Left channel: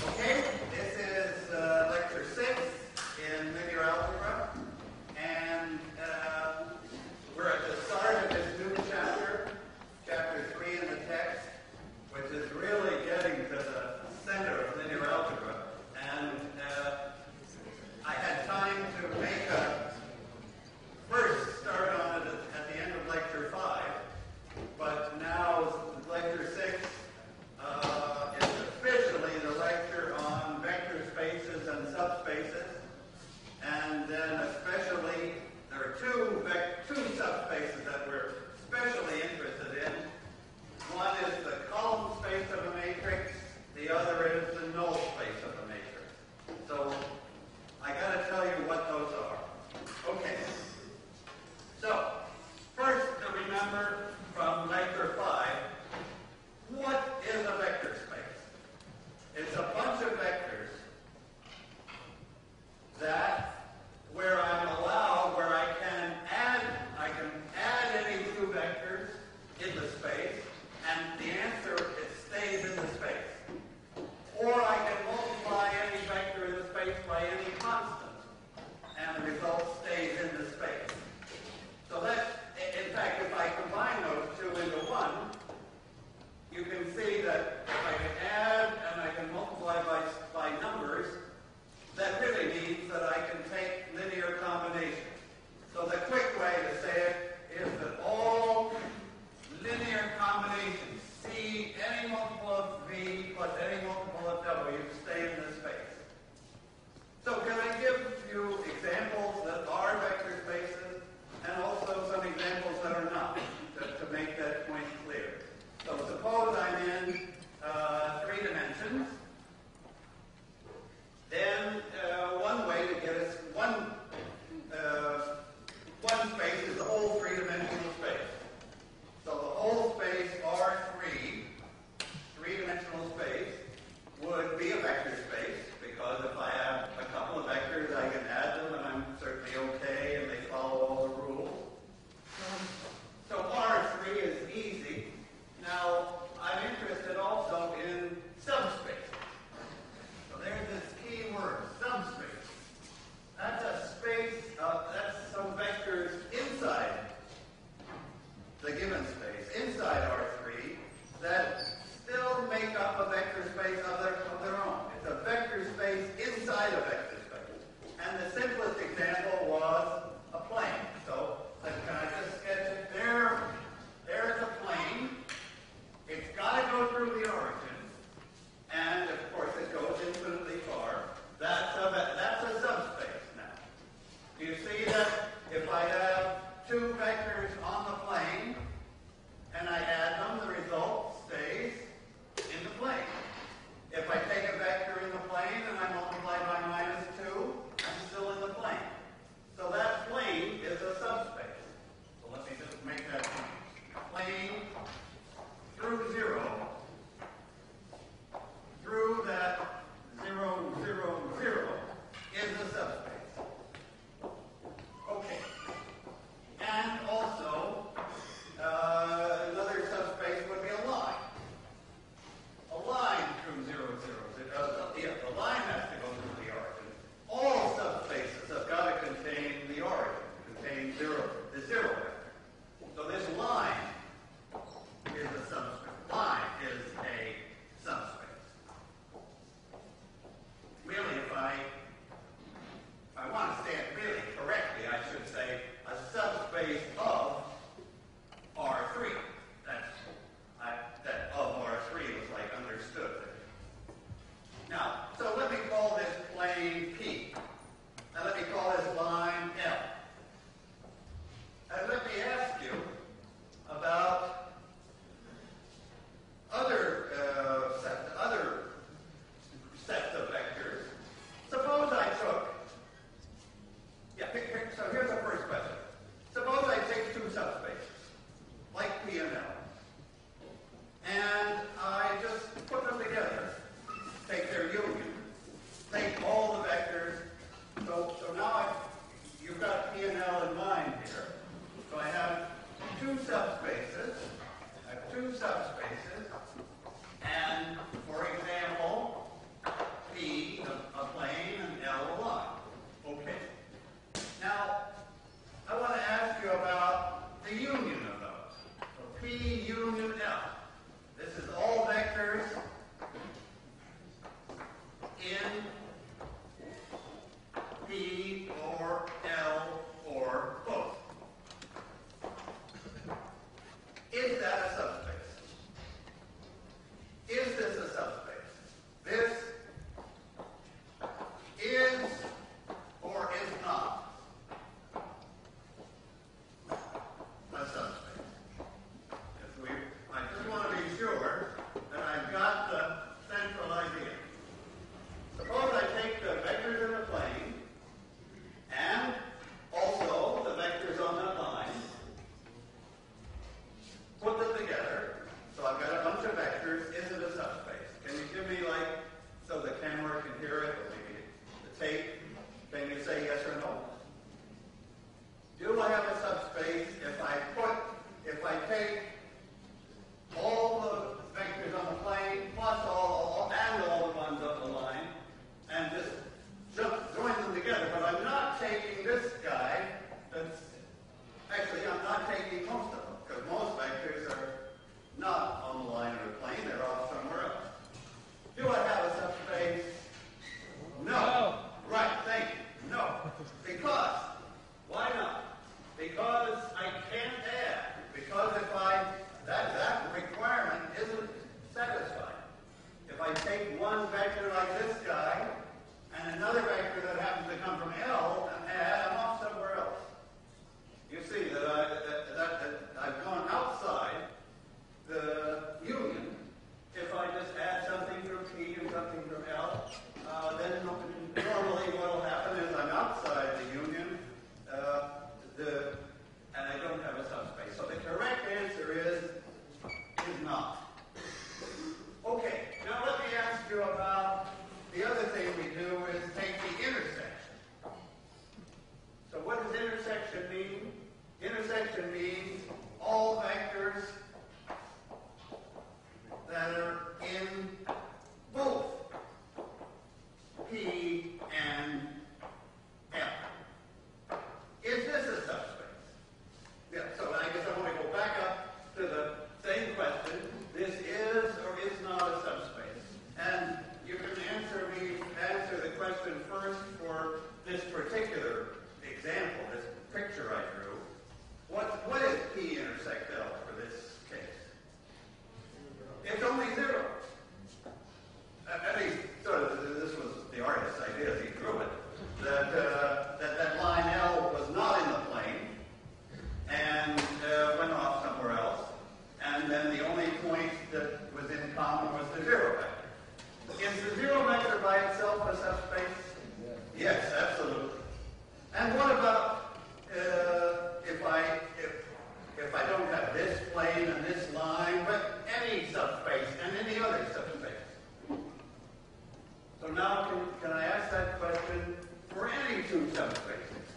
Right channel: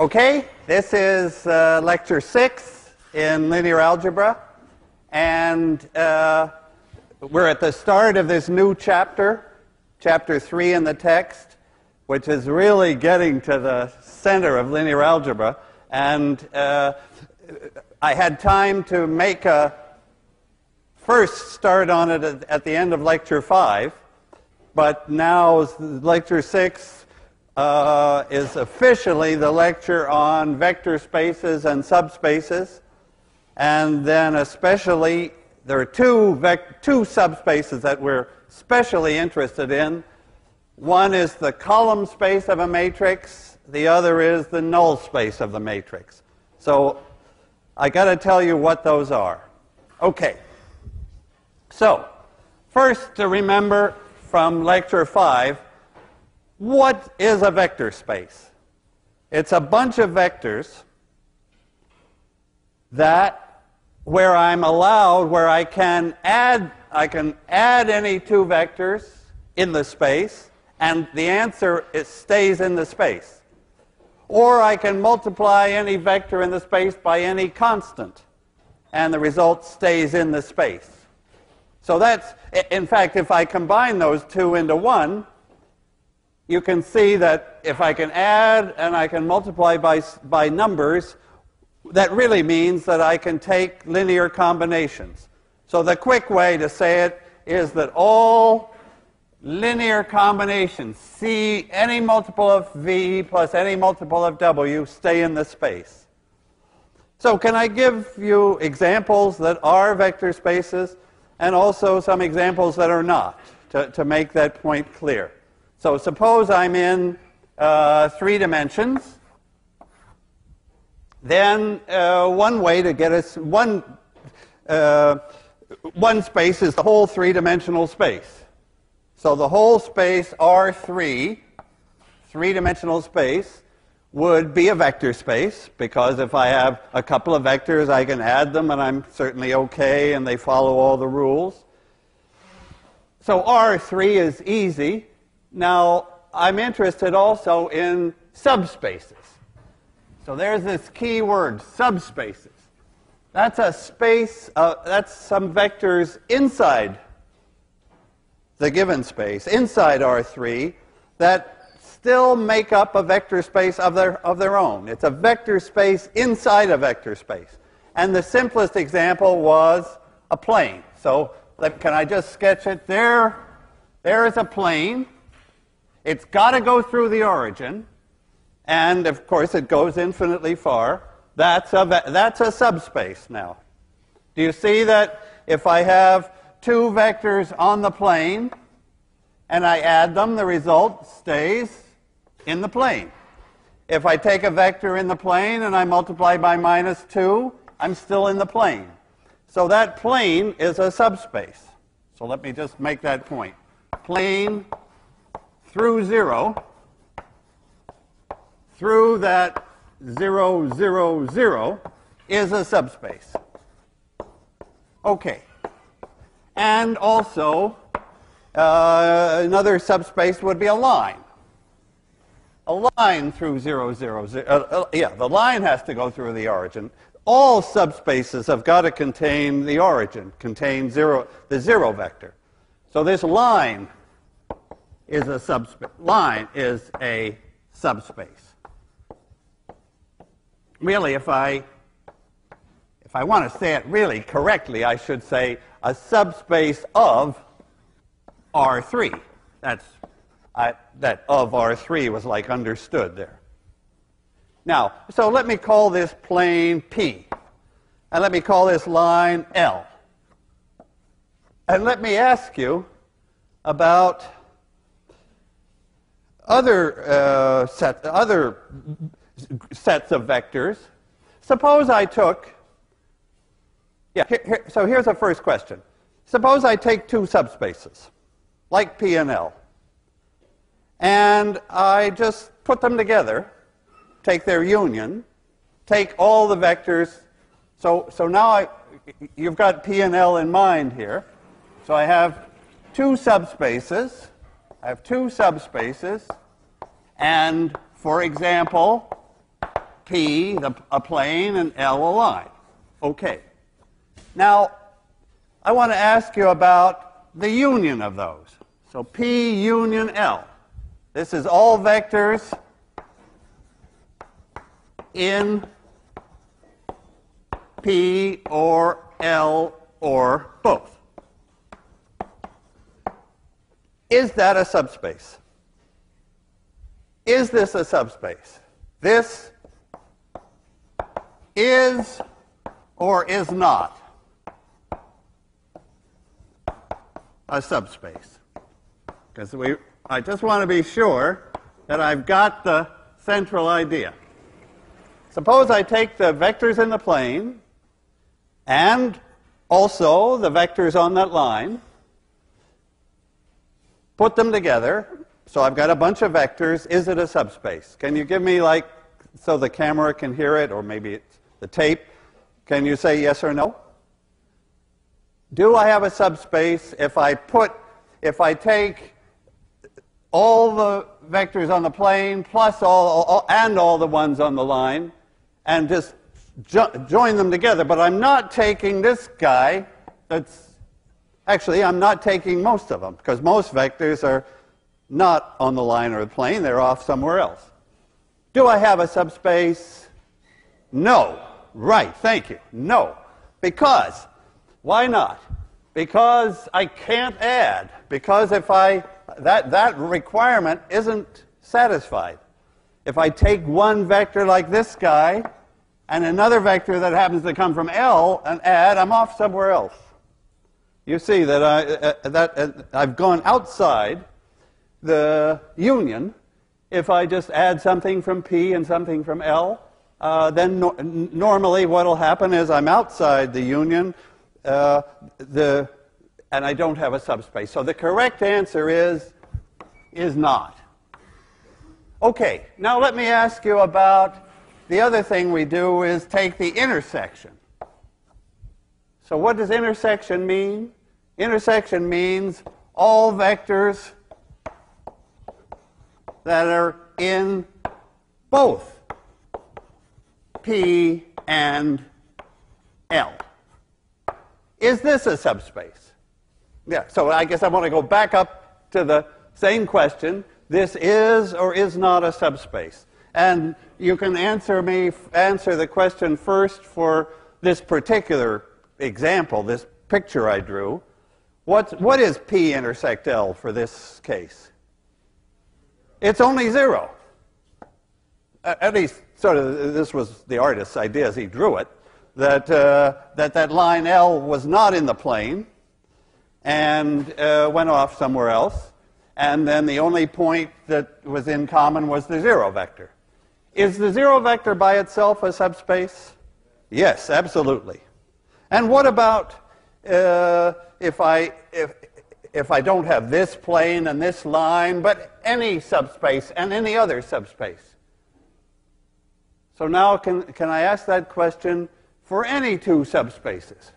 Okay, this is lecture 6 in linear algebra, and we're at the start of this new chapter, chapter 3 in the text, which is really getting to the center of linear algebra. And I had time to make a first start on it at the end of lecture 5, but now lecture 6 is officially the lecture on vector spaces and subspaces, and then especially there are two subspaces that we're especially interested in. One is the column space of a matrix, the other is the null space of the matrix. So I got to tell you what those are. Okay. So first, to remember from lecture 5, what is a vector space? It's a bunch of vectors that where I'm allowed, where I can add any two vectors in the space, and the answer stays in the space. Or I can multiply any vector in the space by any constant, and the result stays in the space. So that's, in fact, if I combine those two into one, you can see that if I can add and I can multiply by numbers, that really means that I can take linear combinations. So the quick way to say it is that all linear combinations, C, any multiple of V plus any multiple of W, stay in the space. So can I give you examples that are vector spaces and also some examples that are not, to make that point clear? So suppose I'm in 3 dimensions. Then one way to get us one space is the whole 3-dimensional space. So the whole space R3, 3-dimensional space, would be a vector space, because if I have a couple of vectors, I can add them and I'm certainly okay and they follow all the rules. So R3 is easy. Now, I'm interested also in subspaces. So there's this key word, subspaces. That's a space, that's some vectors inside the given space, inside R3, that still make up a vector space of their own. It's a vector space inside a vector space. And the simplest example was a plane. So can I just sketch it? There is a plane. It's got to go through the origin, and of course it goes infinitely far. That's a subspace now. Do you see that if I have two vectors on the plane and I add them, the result stays in the plane? If I take a vector in the plane and I multiply by -2, I'm still in the plane. So that plane is a subspace. So let me just make that point. Plane through 0, through that 0, 0, 0, is a subspace. Okay. And also, another subspace would be a line. A line through 0, 0, 0. Yeah, the line has to go through the origin. All subspaces have got to contain the origin, contain the 0 vector. So this line is a subspace. Line is a subspace. Really, if I want to say it really correctly, I should say a subspace of R3. That of R3 was like understood there. Now, so let me call this plane P, and let me call this line L. And let me ask you about other sets of vectors. Suppose I took, so here's the first question. Suppose I take two subspaces, like P and L, and I just put them together, take their union, take all the vectors. So now you've got P and L in mind here. So I have two subspaces. And for example, P a plane and L a line. Okay. Now, I want to ask you about the union of those. So P union L. This is all vectors in P or L or both. Is that a subspace? Is this a subspace? This is or is not a subspace. Because I just want to be sure that I've got the central idea. Suppose I take the vectors in the plane and also the vectors on that line, put them together, so I've got a bunch of vectors. Is it a subspace? Can you give me, like, so the camera can hear it, or maybe it's the tape, can you say yes or no? Do I have a subspace if I take all the vectors on the plane plus all the ones on the line and just join them together, but I'm not taking this guy actually, I'm not taking most of them, because most vectors are not on the line or the plane. They're off somewhere else. Do I have a subspace? No. Right, thank you. No. Because. Why not? Because I can't add. Because if that requirement isn't satisfied. If I take one vector like this guy and another vector that happens to come from L and add, I'm off somewhere else. You see that I've gone outside the union. If I just add something from P and something from L, then normally what will happen is I'm outside the union, and I don't have a subspace. So the correct answer is not. Okay, now let me ask you about the other thing we do is take the intersection. So what does intersection mean? Intersection means all vectors that are in both P and L. Is this a subspace? Yeah, so I guess I want to go back up to the same question. This is or is not a subspace. And you can answer the question first for this particular example, this picture I drew. What is P intersect L for this case? It's only 0. At least, sort of, this was the artist's idea as he drew it, that line L was not in the plane and went off somewhere else, and then the only point that was in common was the 0 vector. Is the 0 vector by itself a subspace? Yes, absolutely. And what about if I don't have this plane and this line, but any subspace and any other subspace? So now can I ask that question for any two subspaces?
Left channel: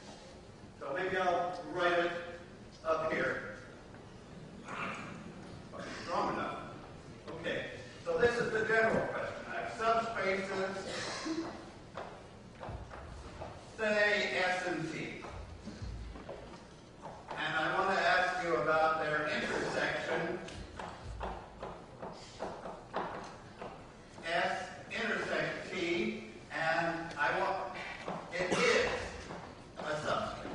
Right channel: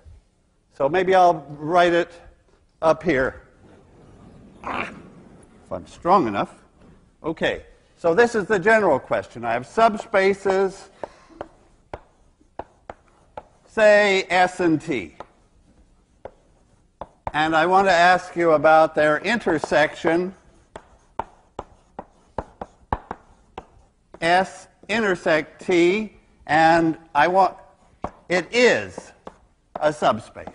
So maybe I'll write it up here. If I'm strong enough. Okay, so this is the general question. I have subspaces, say S and T. And I want to ask you about their intersection, S intersect T, and it is a subspace.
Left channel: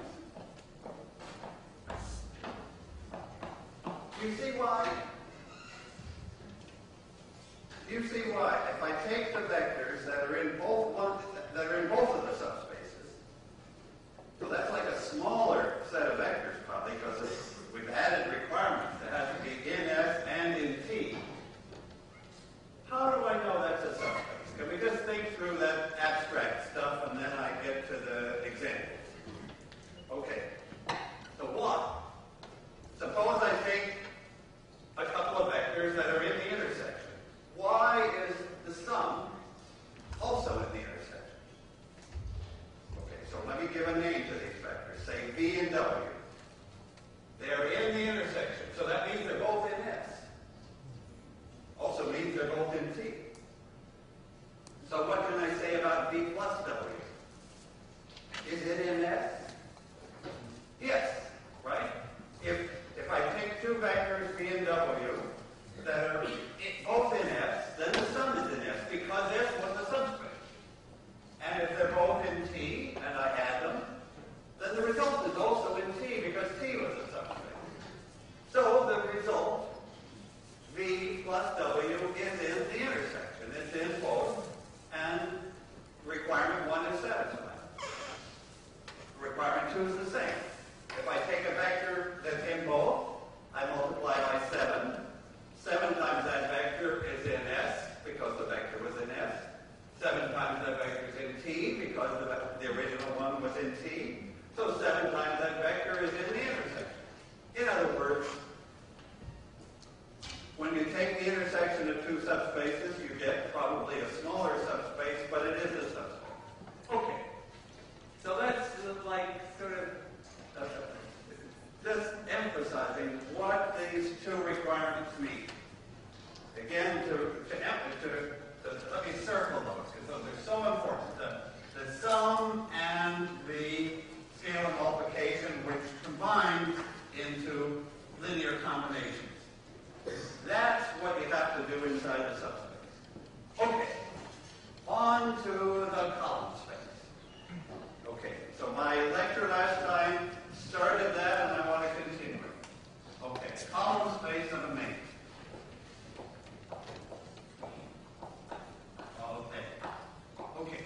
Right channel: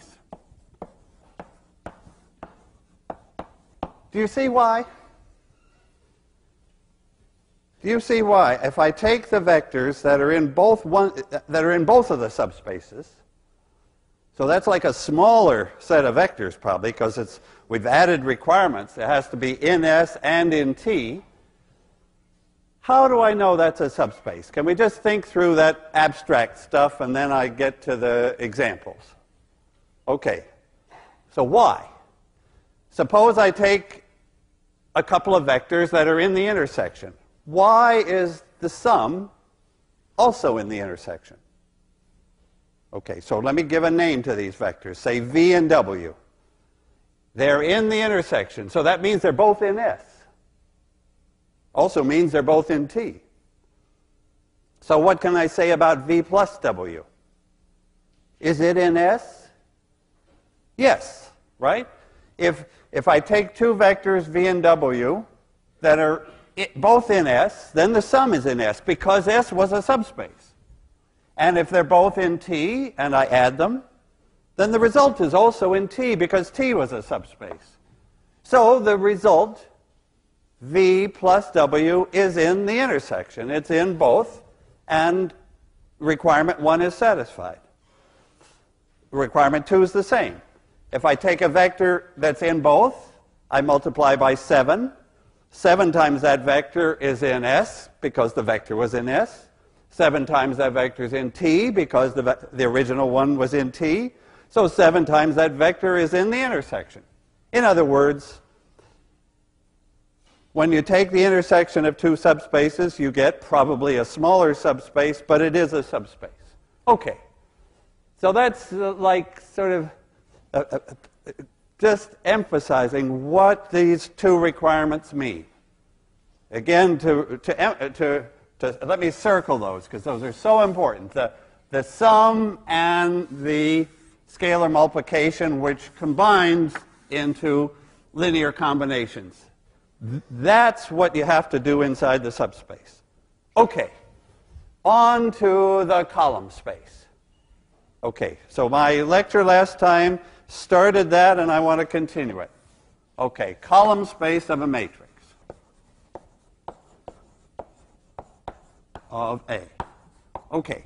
Do you see why? Do you see why? If I take the vectors that are in both of the subspaces, so that's like a smaller set of vectors probably, because we've added requirements. It has to be in S and in T. How do I know that's a subspace? Can we just think through that abstract stuff and then I get to the examples? Okay. So why? Suppose I take a couple of vectors that are in the intersection. Why is the sum also in the intersection? Okay, so let me give a name to these vectors. Say V and W. They're in the intersection, so that means they're both in S. Also means they're both in T. So what can I say about V plus W? Is it in S? Yes, right? If I take two vectors V and W that are both in S, then the sum is in S because S was a subspace. And if they're both in T and I add them, then the result is also in T because T was a subspace. So the result, V plus W, is in the intersection. It's in both, and requirement 1 is satisfied. Requirement 2 is the same. If I take a vector that's in both, I multiply by 7. 7 times that vector is in S because the vector was in S. 7 times that vector is in T because the original one was in T. So 7 times that vector is in the intersection. In other words, when you take the intersection of two subspaces, you get probably a smaller subspace, but it is a subspace. Okay. So that's like sort of just emphasizing what these two requirements mean. Again, let me circle those because those are so important. The sum and the scalar multiplication, which combines into linear combinations. That's what you have to do inside the subspace. Okay, on to the column space. Okay, so my lecture last time started that, and I want to continue it. Okay, column space of a matrix of A. Okay,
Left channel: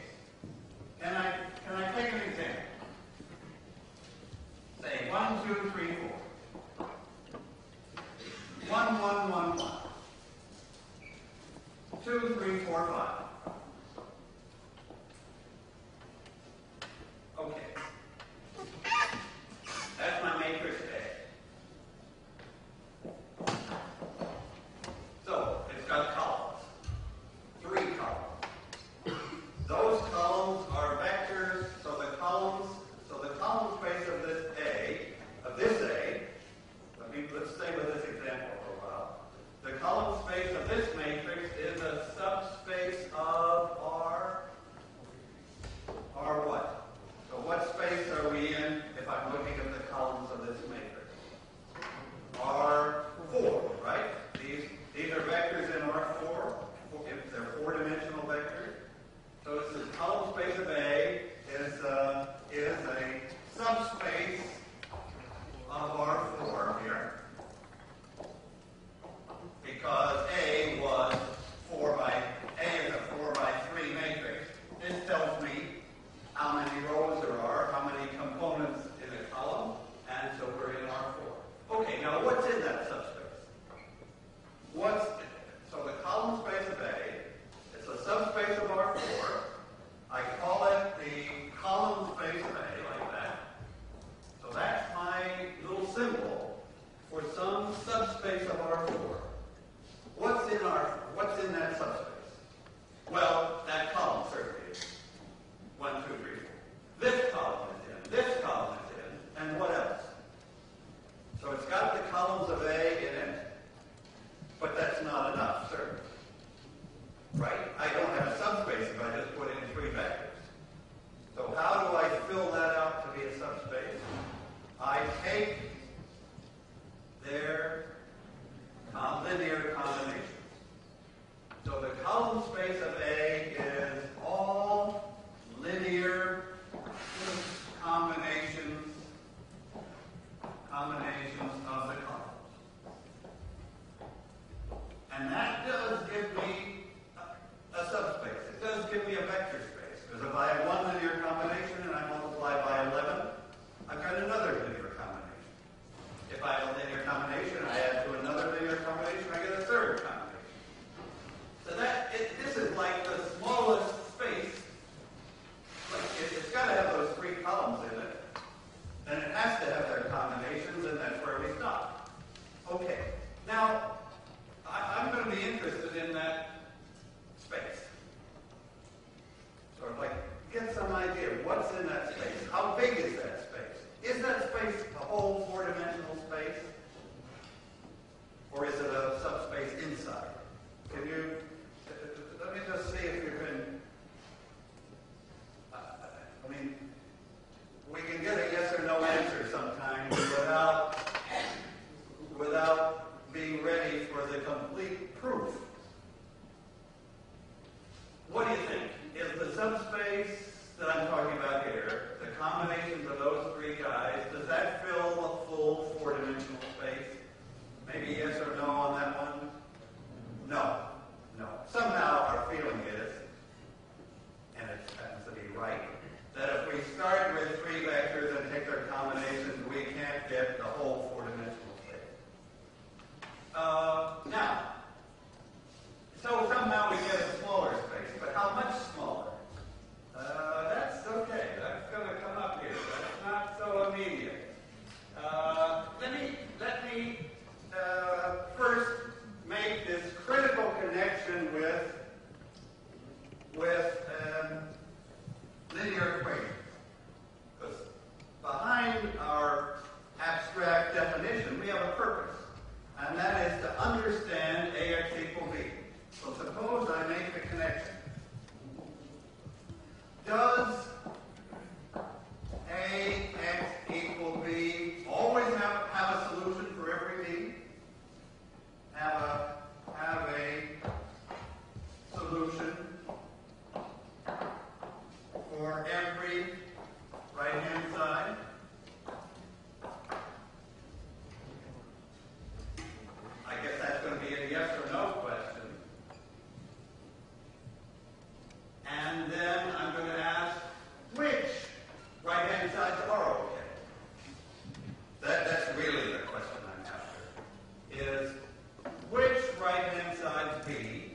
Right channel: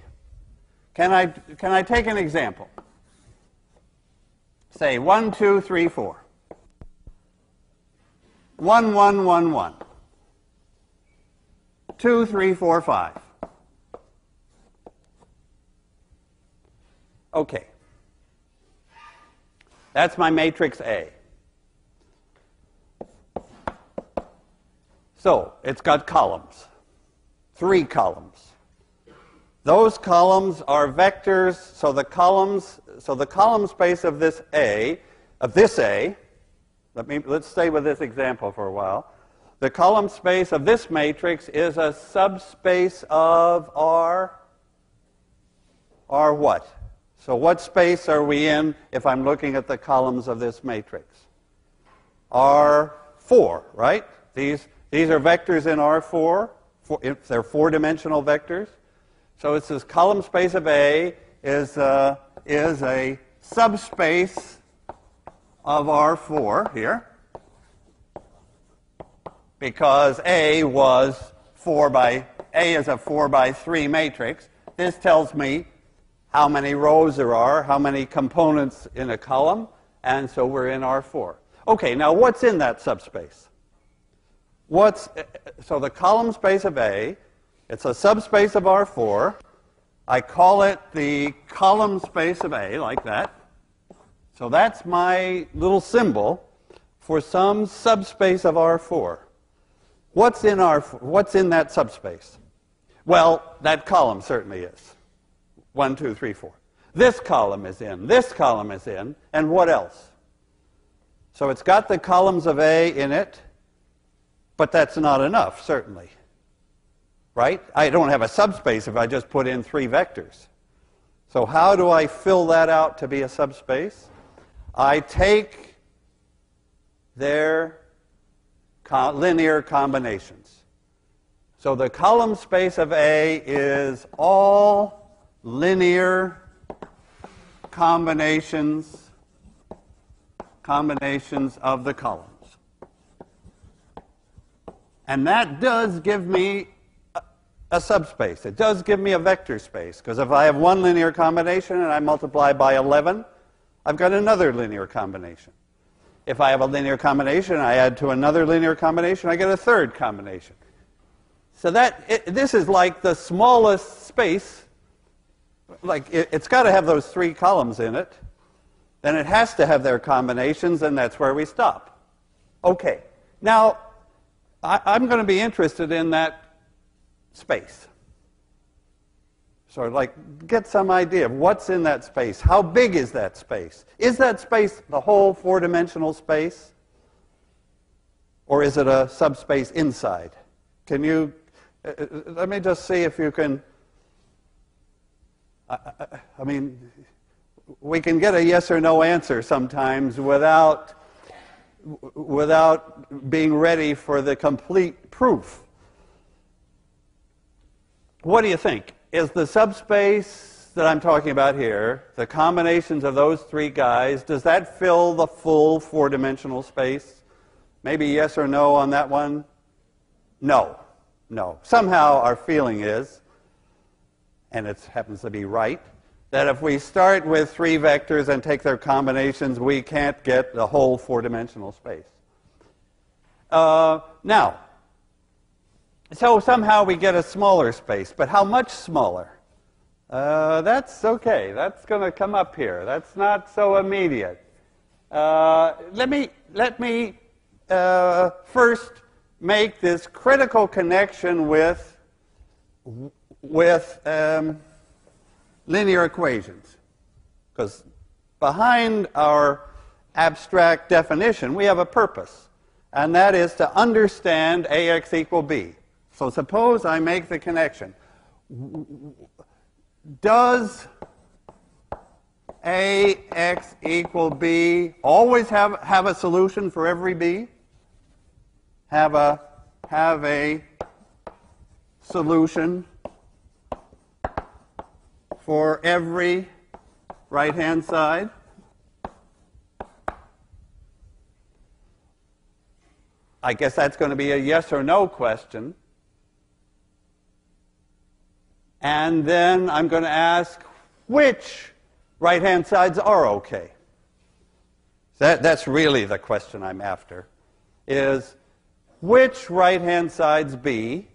can I take an example? Say 1, 2, 3, 4. 1, 1, 1, 1. 2, 3, 4, 5. Okay. That's my matrix A. So it's got columns. 3 columns. Those columns are vectors, so the column space of this A, let's stay with this example for a while. The column space of this matrix is a subspace of R what? So what space are we in if I'm looking at the columns of this matrix? R4, right? These are vectors in R4. They're 4-dimensional vectors. So it's this column space of A is a subspace of R4 here, because A is a 4 by 3 matrix. This tells me how many rows there are, how many components in a column, and so we're in R4. Okay, now what's in that subspace? So the column space of A, it's a subspace of R4. I call it the column space of A, like that. So that's my little symbol for some subspace of R4. What's in that subspace? Well, that column certainly is. 1, 2, 3, 4. This column is in, this column is in, and what else? So it's got the columns of A in it, but that's not enough, certainly. Right? I don't have a subspace if I just put in 3 vectors. So how do I fill that out to be a subspace? I take their linear combinations. So the column space of A is all linear combinations of the columns. And that does give me a subspace. It does give me a vector space, because if I have one linear combination and I multiply by 11, I've got another linear combination. If I have a linear combination, I add to another linear combination, I get a third combination. So this is like the smallest space. Like it's got to have those 3 columns in it. Then it has to have their combinations, and that's where we stop. Okay. Now, I'm going to be interested in that space. So like get some idea of what's in that space. How big is that space? Is that space the whole 4-dimensional space? Or is it a subspace inside? Can you, let me just see if you can I mean, we can get a yes or no answer sometimes without being ready for the complete proof. What do you think? Is the subspace that I'm talking about here, the combinations of those three guys, does that fill the full four-dimensional space? Maybe yes or no on that one? No. No. Somehow our feeling is, and it happens to be right, that if we start with three vectors and take their combinations, we can't get the whole four-dimensional space. Now, so somehow we get a smaller space, but how much smaller? That's okay. That's going to come up here. That's not so immediate. Let me first make this critical connection with linear equations, because behind our abstract definition we have a purpose, and that is to understand AX equal B. So suppose I make the connection. Does AX equal B always have a solution for every B? Have a solution for every right-hand side? I guess that's going to be a yes or no question. And then I'm going to ask which right-hand sides are okay. That's really the question I'm after, is which right-hand sides B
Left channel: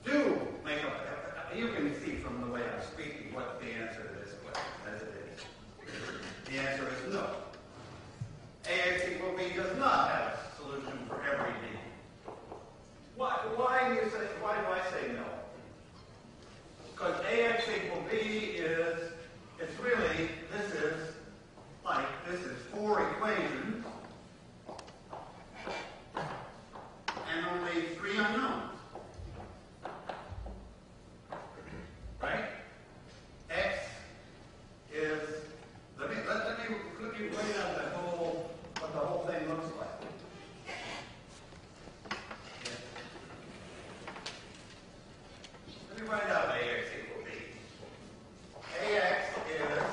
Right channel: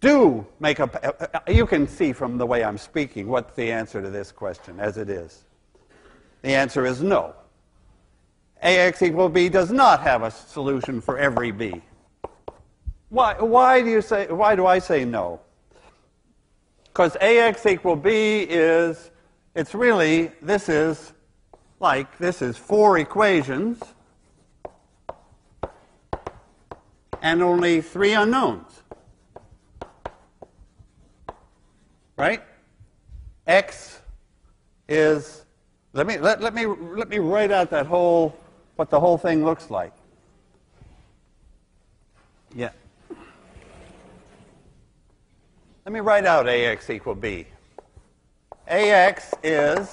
do make up. You can see from the way I'm speaking what's the answer to this question as it is. The answer is no. AX equal B does not have a solution for every B. Why do I say no? Because AX equal B is, it's really, this is four equations and only three unknowns. Right? X is, let me write out that what the whole thing looks like. Yeah. Let me write out AX equal B. AX is,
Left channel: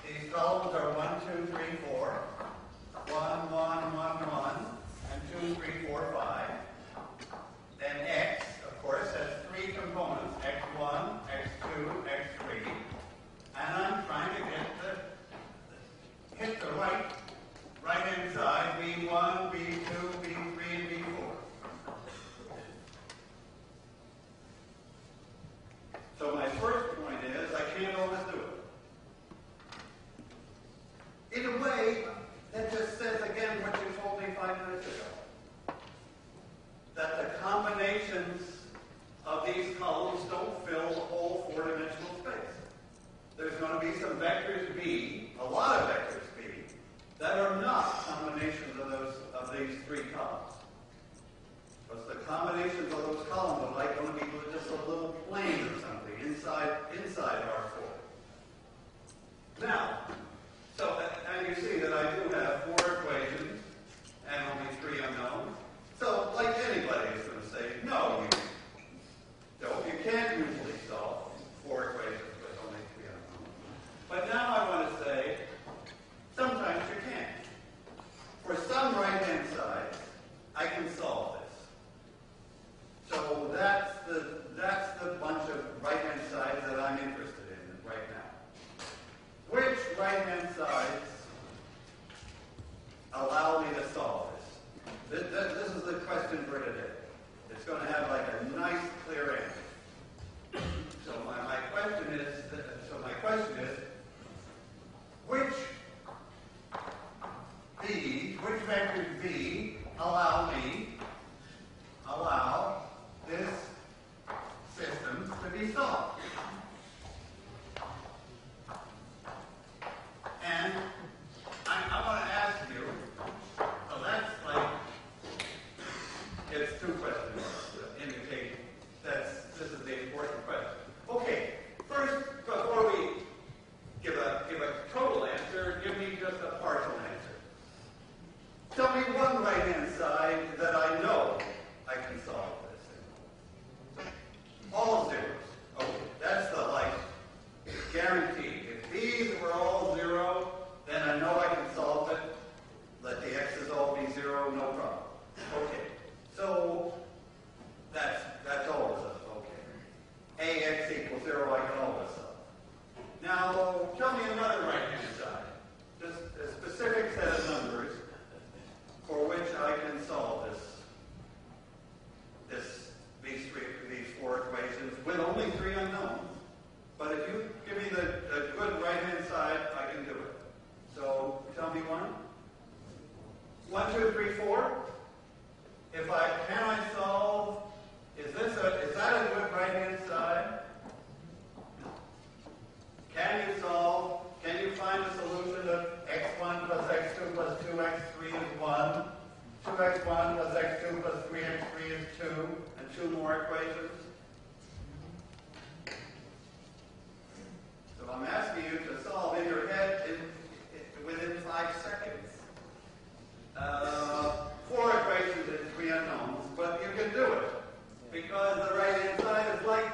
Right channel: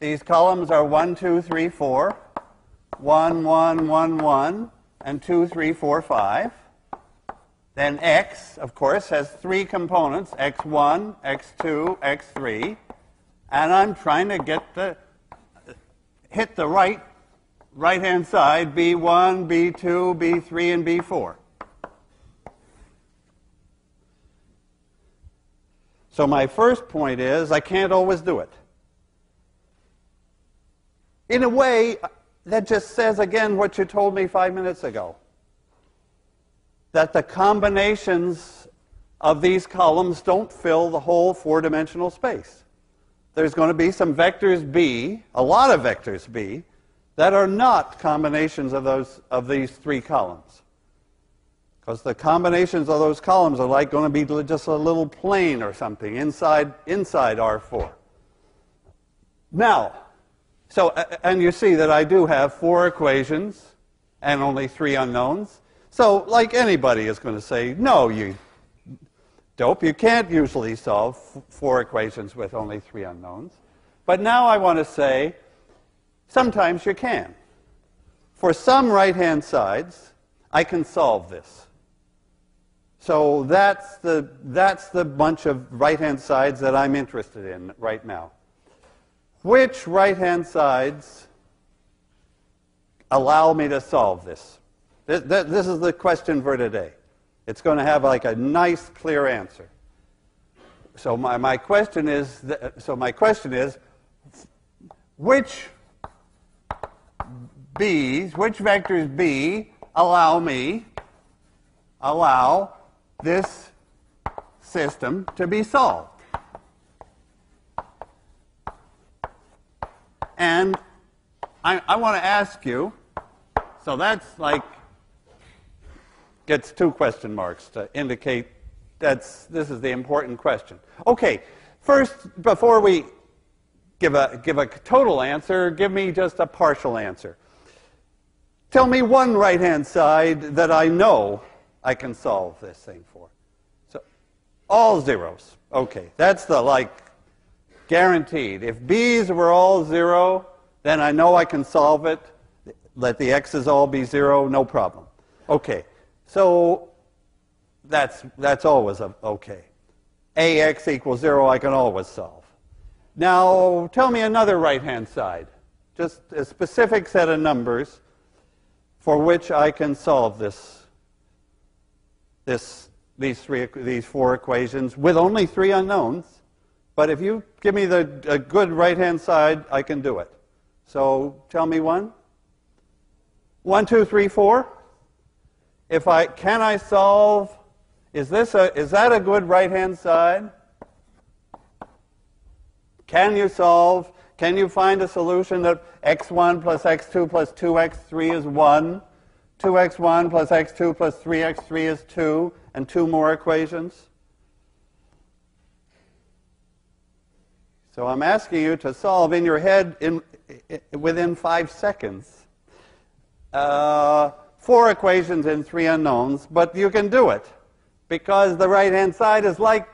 these columns are 1, 2, 3, 4, 1, 1, 1, 1, and 2, 3, 4, 5. Then X, of course, has three components, X1, X2, X3. And I'm trying to hit the right-hand side, B1, B2, B3, and B4. So my first point is I can't always do it. In a way, that just says again what you told me 5 minutes ago, that the combinations of these columns don't fill the whole four-dimensional space. There's going to be some vectors B, a lot of vectors B, that are not combinations of these three columns. Because the combinations of those columns are like going to be just a little plane or something inside R4. Now, and you see that I do have four equations and only three unknowns. So, like anybody is going to say, no, you dope, you can't usually solve four equations with only three unknowns. But now I want to say, sometimes you can. For some right-hand sides, I can solve this. So that's the bunch of right-hand sides that I'm interested in right now. Which right-hand sides allow me to solve this? This is the question for today. It's going to have like a nice, clear answer. So my question is, which vectors B allow this system to be solved? And I want to ask you, so that's like, gets two question marks to indicate this is the important question. Okay, first, before we give a total answer, give me just a partial answer. Tell me one right-hand side that I know I can solve this thing for. So, all zeros. Okay, that's the, guaranteed. If b's were all 0, then I know I can solve it. Let the x's all be 0, no problem. Okay, so that's always okay. Ax equals 0, I can always solve. Now, tell me another right-hand side. Just a specific set of numbers for which I can solve these 4 equations with only 3 unknowns. But if you give me a good right-hand side, I can do it. So tell me one. 1, 2, 3, 4. Can I solve? Is that a good right-hand side? Can you solve? Can you find a solution that x1 plus x2 plus 2x3 is 1, 2x1 plus x2 plus 3x3 is 2, and 2 more equations? So I'm asking you to solve in your head within 5 seconds 4 equations in 3 unknowns, but you can do it because the right-hand side is like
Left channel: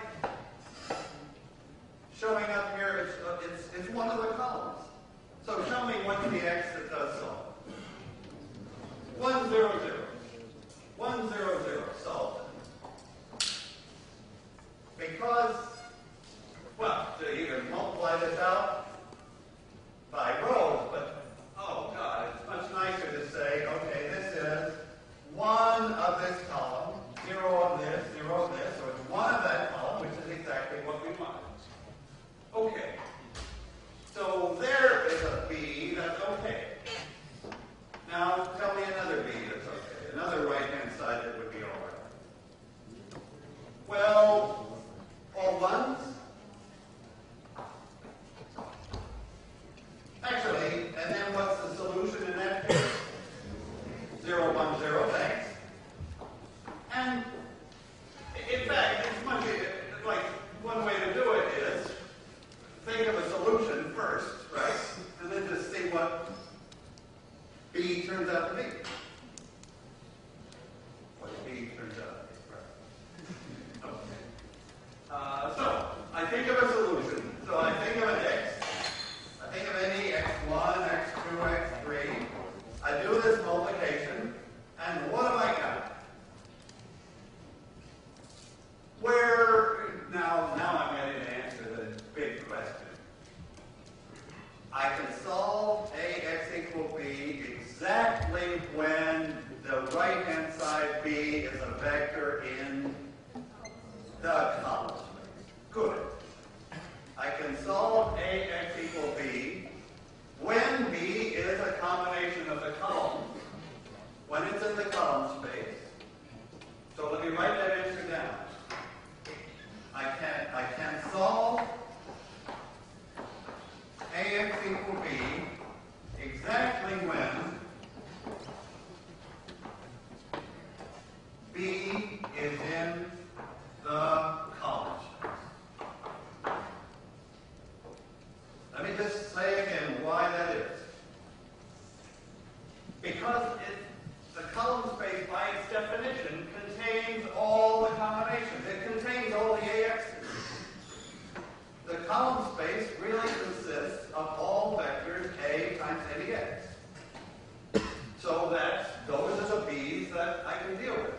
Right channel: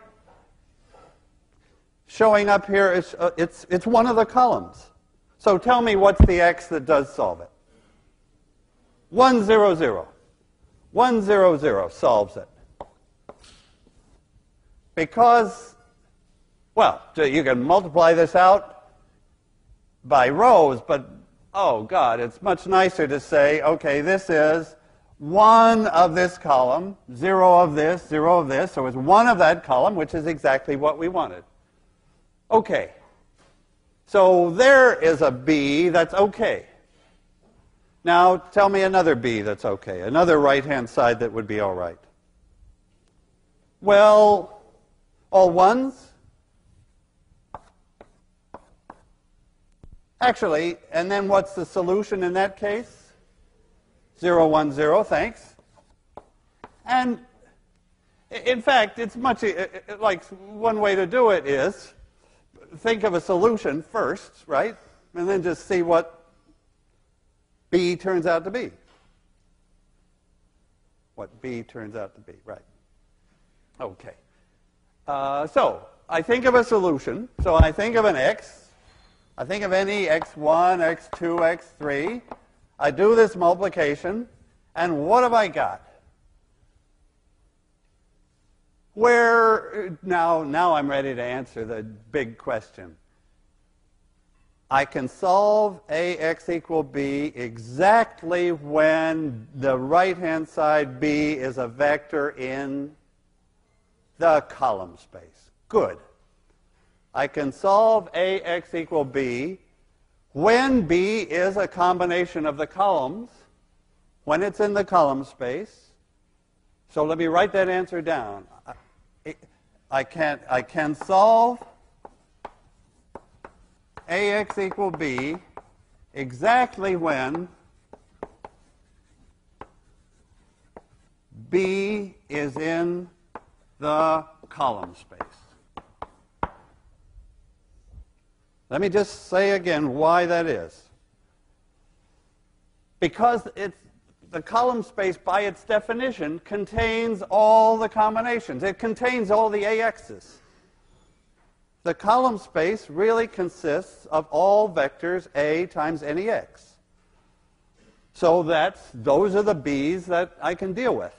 showing up here. It's one of the columns. So tell me what's the x that does solve it. 1, 0, 0. 1, 0, 0 solves it. Because, well, you can multiply this out by rows, but, oh, God, it's much nicer to say, okay, this is 1 of this column, 0 of this, 0 of this. So it's 1 of that column, which is exactly what we wanted. Okay. So there is a b that's okay. Now tell me another b that's okay, another right-hand side that would be all right. Well, all ones? Actually, and then what's the solution in that case? 0, 1, 0, thanks. And in fact, it's much like one way to do it is think of a solution first, right? And then just see what b turns out to be. What b turns out to be, right. Okay. So I think of a solution. So I think of an x. I think of any x1, x2, x3. I do this multiplication, and what have I got? Now I'm ready to answer the big question. I can solve ax equal b exactly when the right-hand side b is a vector in the column space. Good. I can solve ax equal b when b is a combination of the columns, when it's in the column space. So let me write that answer down. I can solve ax equal b exactly when b is in the column space. Let me just say again why that is. Because the column space, by its definition, contains all the combinations. It contains all the AXs. The column space really consists of all vectors A times any X. So those are the B's that I can deal with.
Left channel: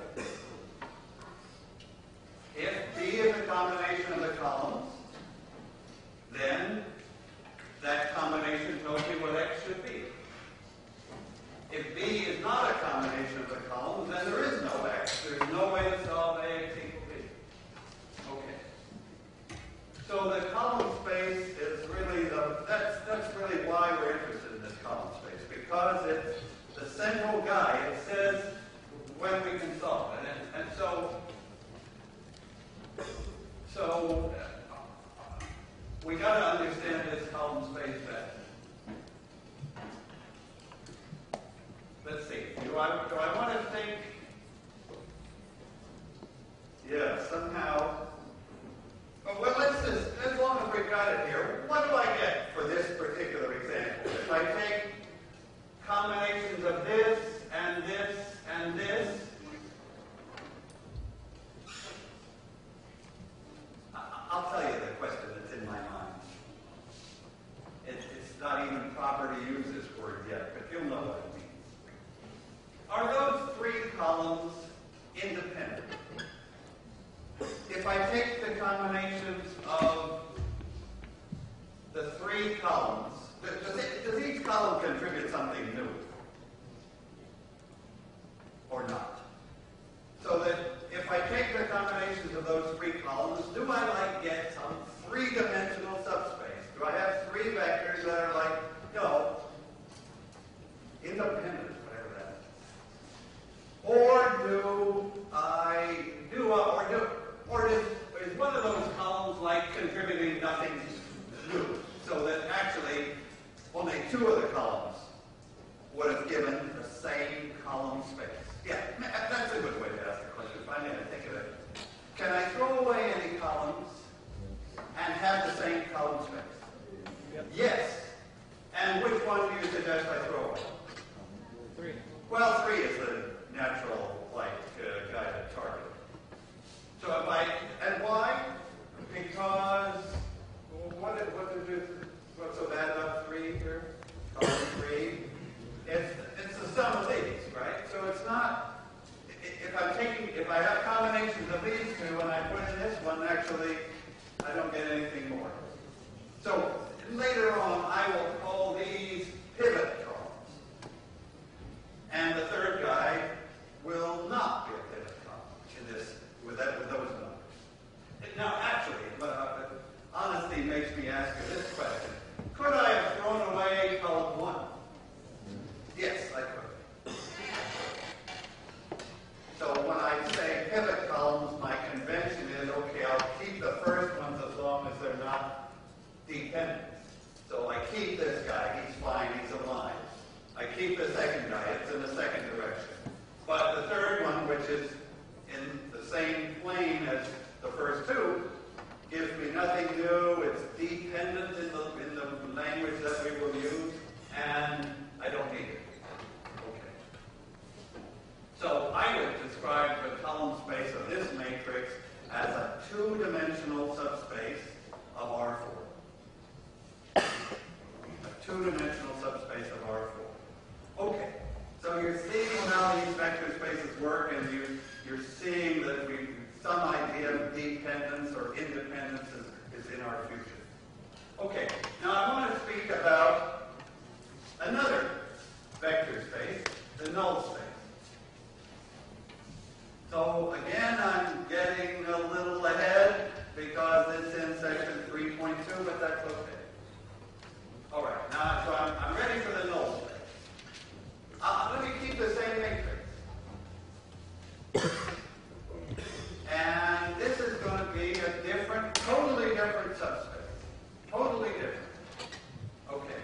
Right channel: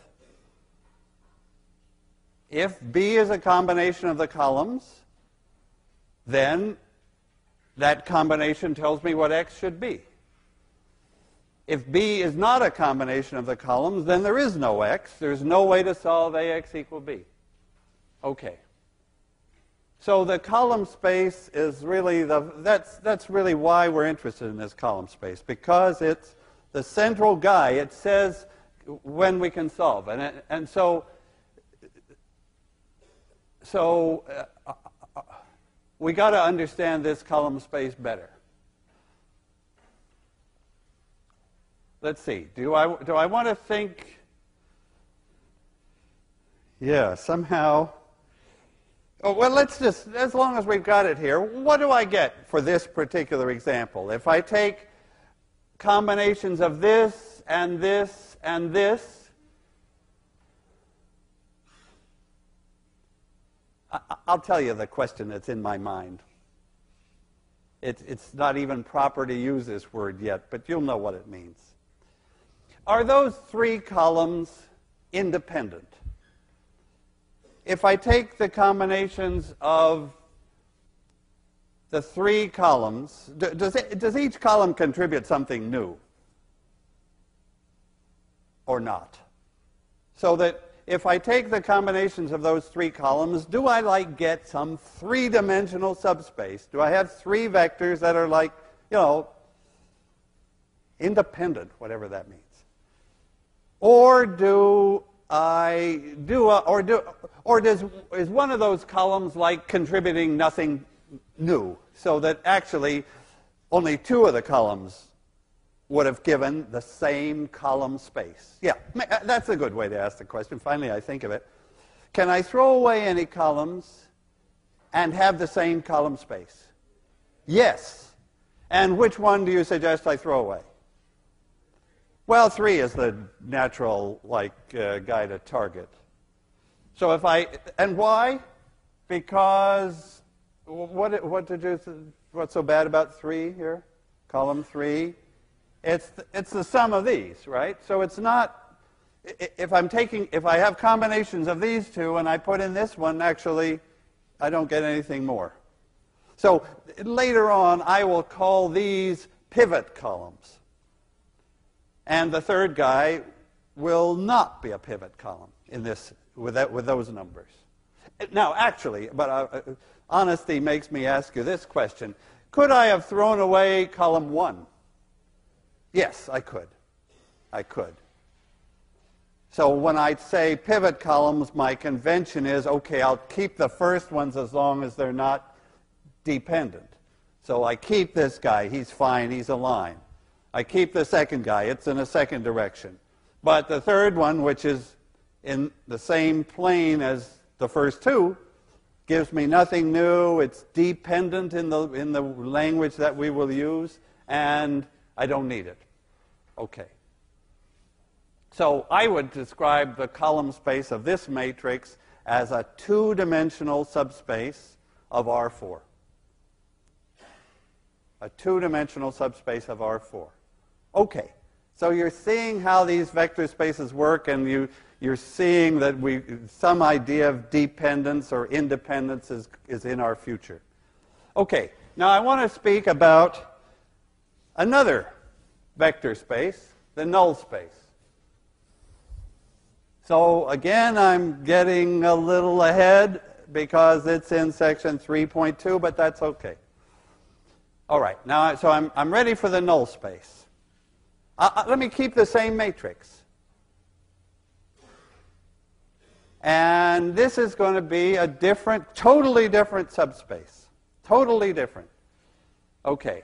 If B is a combination of the columns, then that combination tells me what X should be. If B is not a combination of the columns, then there is no X. There's no way to solve AX equal B. Okay. So the column space is really that's really why we're interested in this column space, because it's the central guy. It says when we can solve, and so we got to understand this column space better. Let's see. Do I want to think? Yeah, somehow. Oh, well, let's just, as long as we've got it here, what do I get for this particular example? If I take combinations of this and this and this, I'll tell you the question that's in my mind. It's not even proper to use this word yet, but you'll know what it means. Are those three columns independent? If I take the combinations of the three columns, does each column contribute something new? Or not? So that if I take the combinations of those three columns, do I get some three-dimensional subspace? Do I have three vectors that are independent, whatever that means? Or is one of those columns contributing nothing new, so that actually only two of the columns would have given the same column space? Yeah, that's a good way to ask the question. Finally, I think of it. Can I throw away any columns and have the same column space? Yep. Yes. And which one do you suggest I throw away? 3. Well, 3 is the natural guy to target. So if and why? Because what's so bad about 3 here? Column 3. It's the sum of these, right? So it's not, if I have combinations of these two and I put in this one, actually, I don't get anything more. So later on, I will call these pivot columns. And the third guy will not be a pivot column in this, with those numbers. Now, actually, but honesty makes me ask you this question. Could I have thrown away column 1? Yes, I could. I could. So when I say pivot columns, my convention is, okay, I'll keep the first ones as long as they're not dependent. So I keep this guy, he's fine, he's a line. I keep the second guy, it's in a second direction. But the third one, which is in the same plane as the first two, gives me nothing new, it's dependent in the language that we will use, and I don't need it. Okay. So I would describe the column space of this matrix as a two-dimensional subspace of R4. A two-dimensional subspace of R4. Okay. So you're seeing how these vector spaces work, and you're seeing that some idea of dependence or independence is in our future. Okay. Now I want to speak about another vector space, the null space. So again, I'm getting a little ahead because it's in section 3.2, but that's okay. All right, now so I'm ready for the null space. Let me keep the same matrix. And this is going to be a totally different subspace. Totally different. Okay.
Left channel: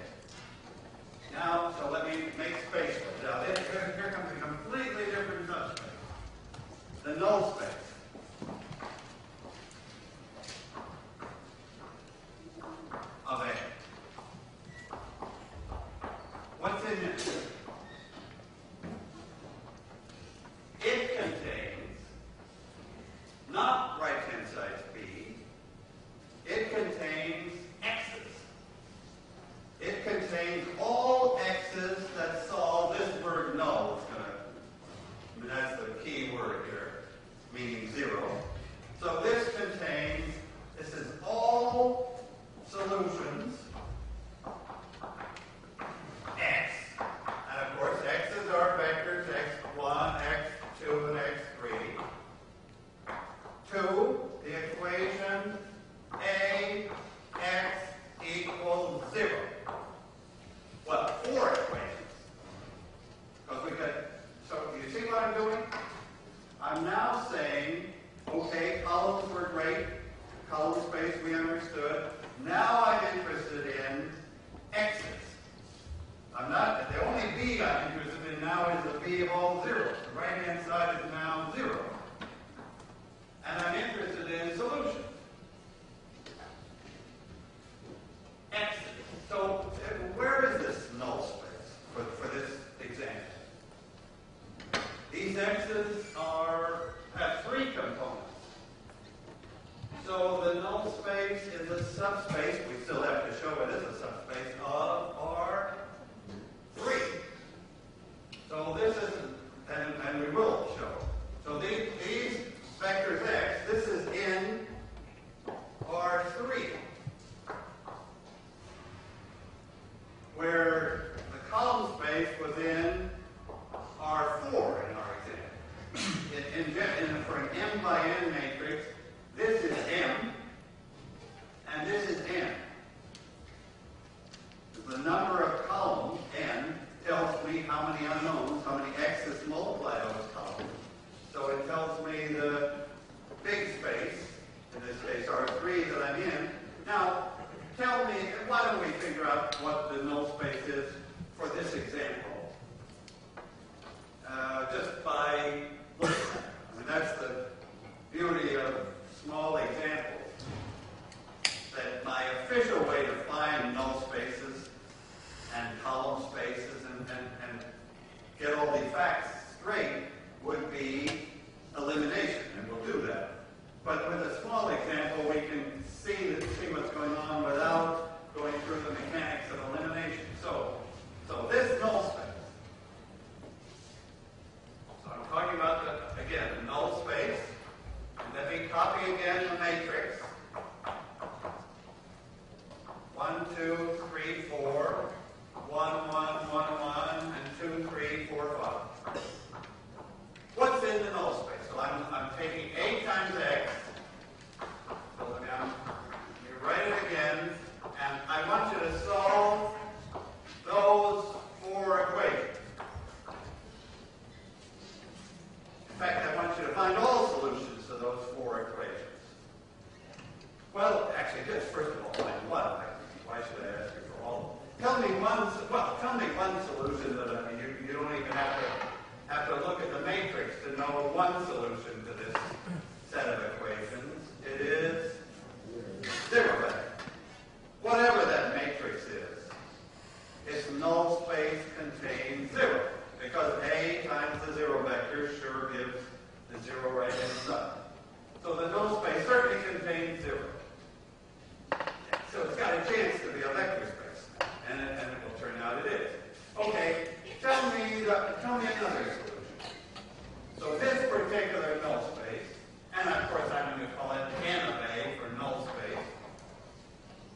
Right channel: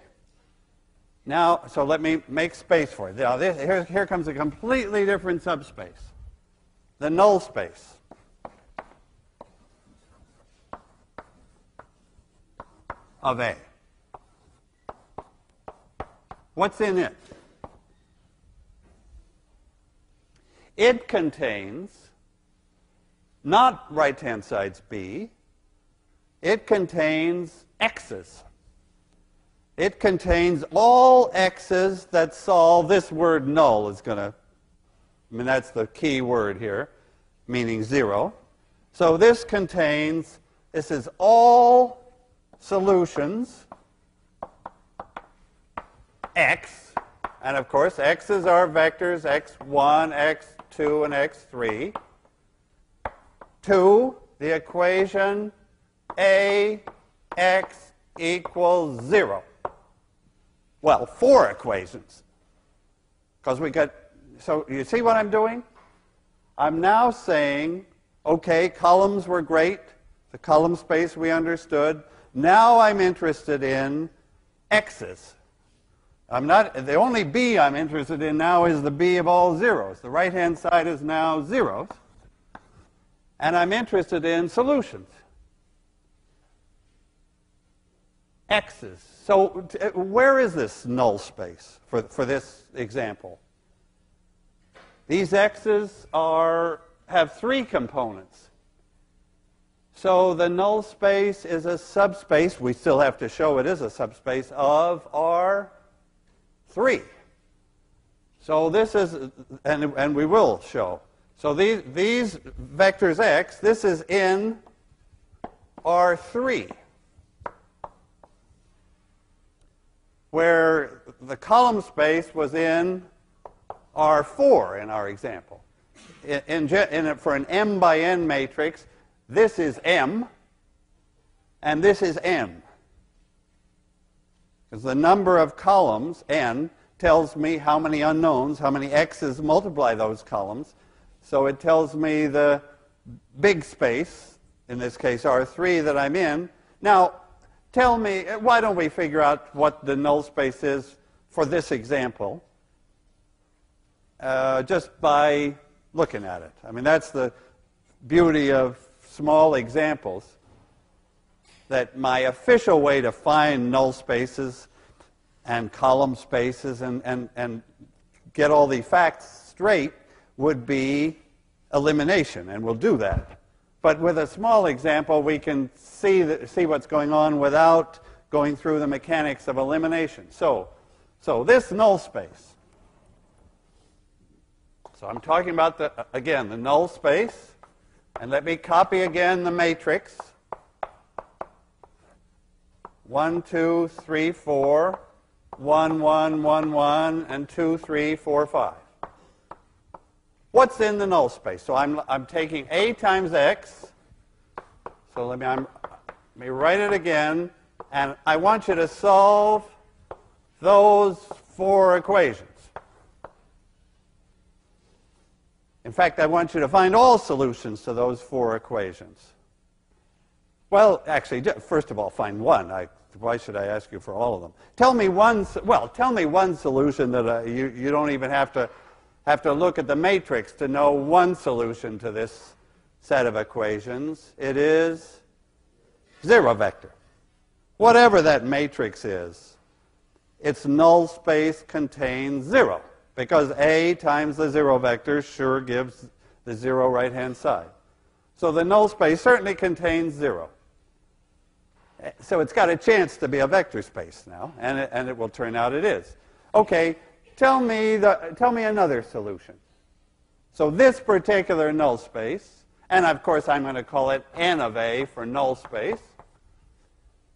Now, so let me make space for it. Now, here comes a completely different subspace. The null space. Of A. What's in it? It contains not right-hand sides B. It contains x's. It contains all x's that solve this word null. It's going to, that's the key word here, meaning 0. So this is all solutions x, and of course x's are vectors x1, x2, and x3, to the equation ax equals 0. Well, 4 equations. Because so you see what I'm doing? I'm now saying, okay, columns were great. The column space we understood. Now I'm interested in x's. The only b I'm interested in now is the b of all zeros. The right-hand side is now 0. and I'm interested in solutions. X's. So where is this null space for this example? These X's have 3 components. So the null space is a subspace. We still have to show it is a subspace of R3. So this is, and we will show. So these vectors X, this is in R3, where the column space was in R4 in our example. For an m by n matrix, this is m, and this is n. Because the number of columns, n, tells me how many unknowns, how many x's multiply those columns. So it tells me the big space, in this case R3, that I'm in. Now, tell me, why don't we figure out what the null space is for this example? Just by looking at it. I mean, that's the beauty of small examples, that my official way to find null spaces and column spaces and get all the facts straight would be elimination, and we'll do that. But with a small example, we can see what's going on without going through the mechanics of elimination. So this null space. So I'm talking about, again, the null space. And let me copy again the matrix. 1, 2, 3, 4, 1, 1, 1, 1, and 2, 3, 4, 5. What's in the null space? So I'm taking A times X. So let me write it again. And I want you to solve those 4 equations. In fact, I want you to find all solutions to those 4 equations. Well, actually, first of all, find one. Why should I ask you for all of them? Tell me one solution that you don't even have to look at the matrix to know one solution to this set of equations. It is 0 vector. Whatever that matrix is, its null space contains 0. Because A times the 0 vector sure gives the 0 right-hand side. So the null space certainly contains 0. So it's got a chance to be a vector space now, and it will turn out it is. Okay, tell me another solution. So this particular null space, and of course I'm going to call it n of A for null space,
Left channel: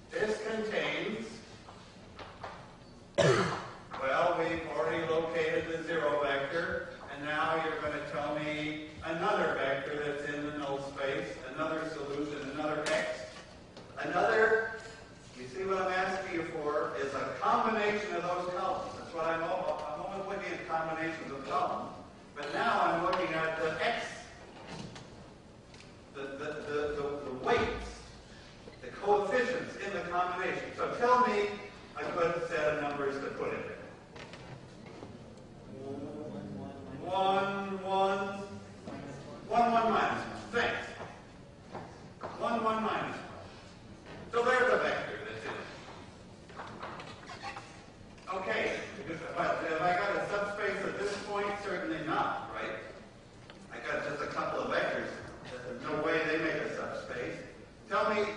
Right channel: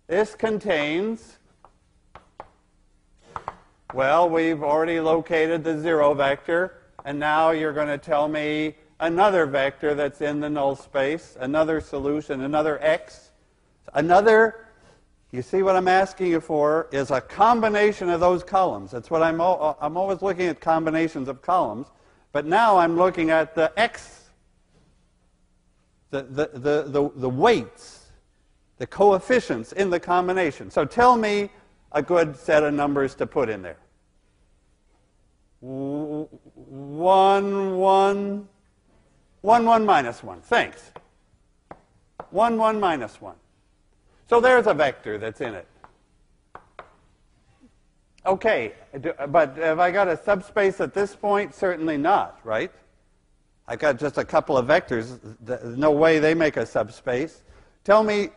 this contains, well, we've already located the 0 vector, and now you're going to tell me another vector that's in the null space, another solution, another x. You see what I'm asking you for is a combination of those columns. That's what I'm always looking at, combinations of columns, but now I'm looking at the x, the weights, the coefficients in the combination. So tell me a good set of numbers to put in there. 1, 1, 1, 1 minus 1. Thanks. 1, 1 minus 1. So there's a vector that's in it. Okay, but have I got a subspace at this point? Certainly not, right? I got just a couple of vectors. No way they make a subspace. Tell me,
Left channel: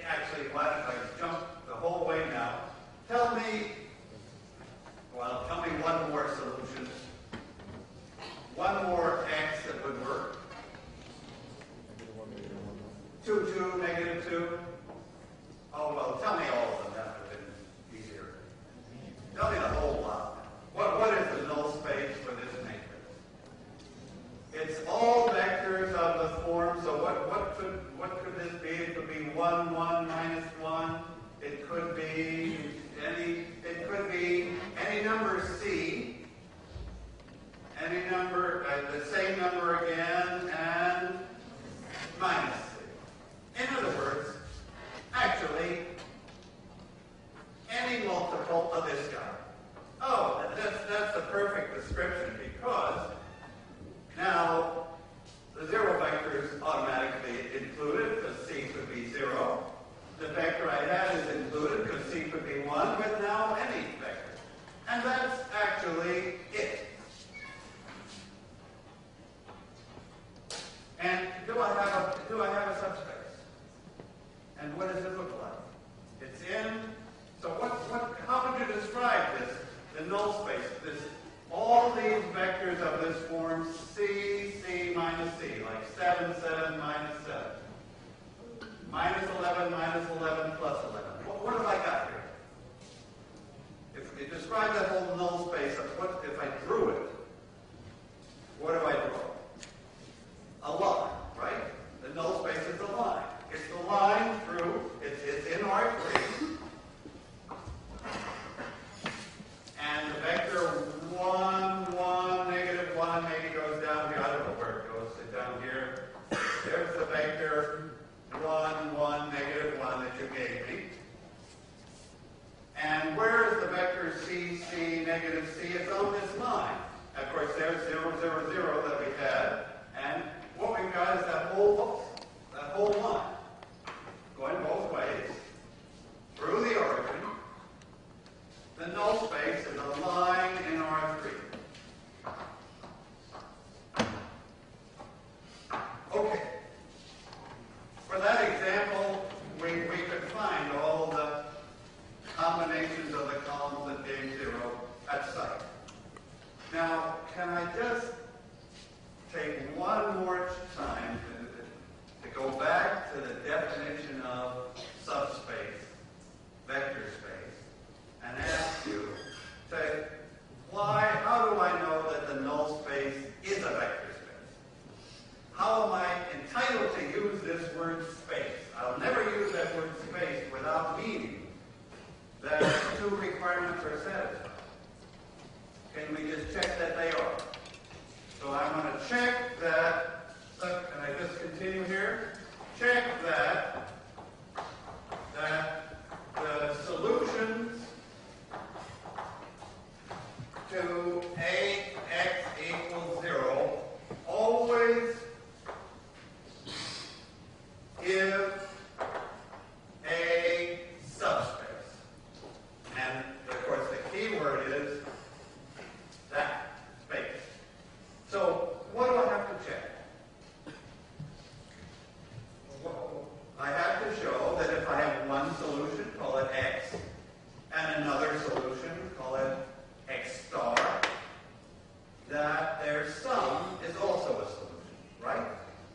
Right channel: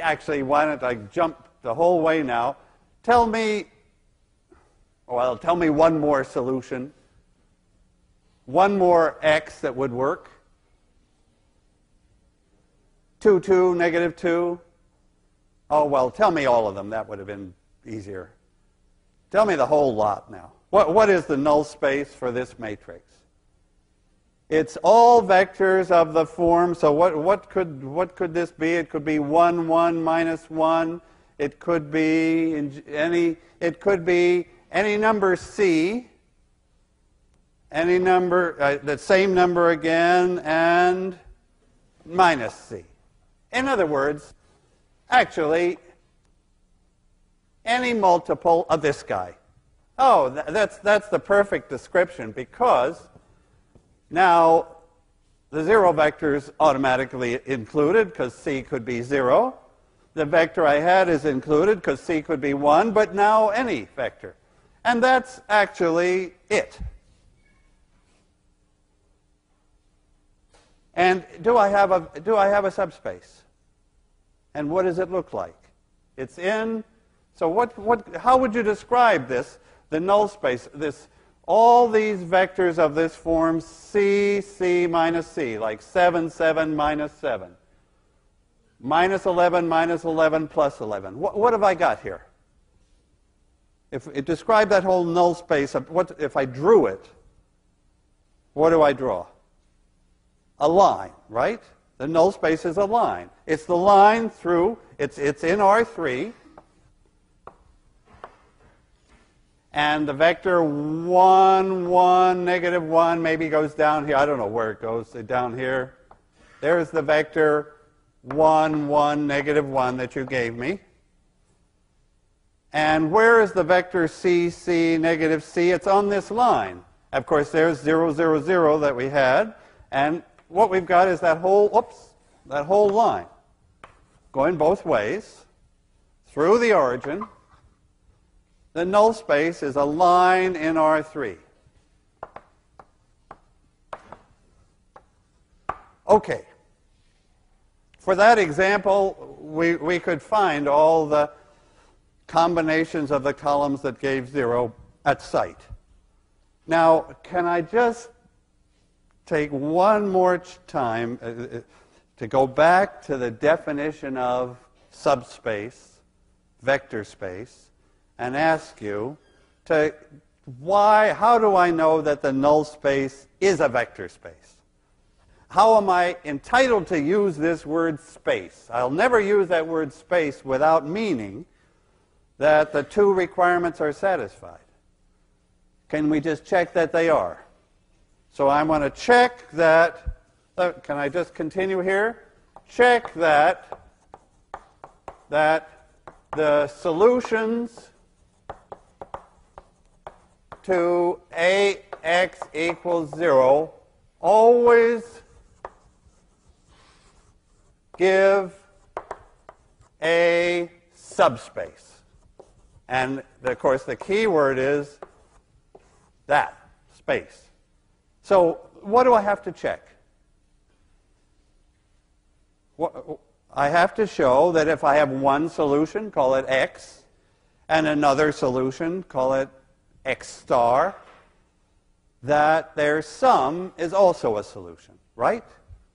actually, why don't I jump the whole way now? Tell me one more solution. One more x that would work. 2, 2, negative 2. Oh, well, tell me all of them. That would have been easier. Tell me the whole lot now. What is the null space for this matrix? It's all vectors of the form. So what could this be? It could be 1, 1 minus 1. It could be any number c, any number, the same number again, and minus c. In other words, actually, any multiple of this guy. Oh, that's the perfect description, because now The 0 vector is automatically included because C could be 0. The vector I had is included because C could be 1, but now any vector. And that's actually it. And do I have a subspace? And what does it look like? It's in. So how would you describe this? The null space. All these vectors of this form, C, C minus C, like 7, 7, minus 7. Minus 11, minus 11, plus 11. What have I got here? Describe that whole null space. If I drew it, what do I draw? A line, right? The null space is a line. It's the line through, it's in R3, and the vector 1, 1, negative 1 maybe goes down here. I don't know where it goes, down here. There's the vector 1, 1, negative 1 that you gave me. And where is the vector C, C, negative C? It's on this line. Of course, there's 0, 0, 0 that we had. And what we've got is that whole line going both ways through the origin. The null space is a line in R3. Okay. For that example, we could find all the combinations of the columns that gave 0 at sight. Now, can I just take one more time to go back to the definition of subspace, vector space, and ask you how do I know that the null space is a vector space? How am I entitled to use this word space? I'll never use that word space without meaning that the two requirements are satisfied. Can we just check that they are? So I want to check that, can I just continue here? Check that the solutions to AX equals 0 always give a subspace. And, of course, the key word is that, space. So what do I have to check? I have to show that if I have one solution, call it X, and another solution, call it X star, that their sum is also a solution, right?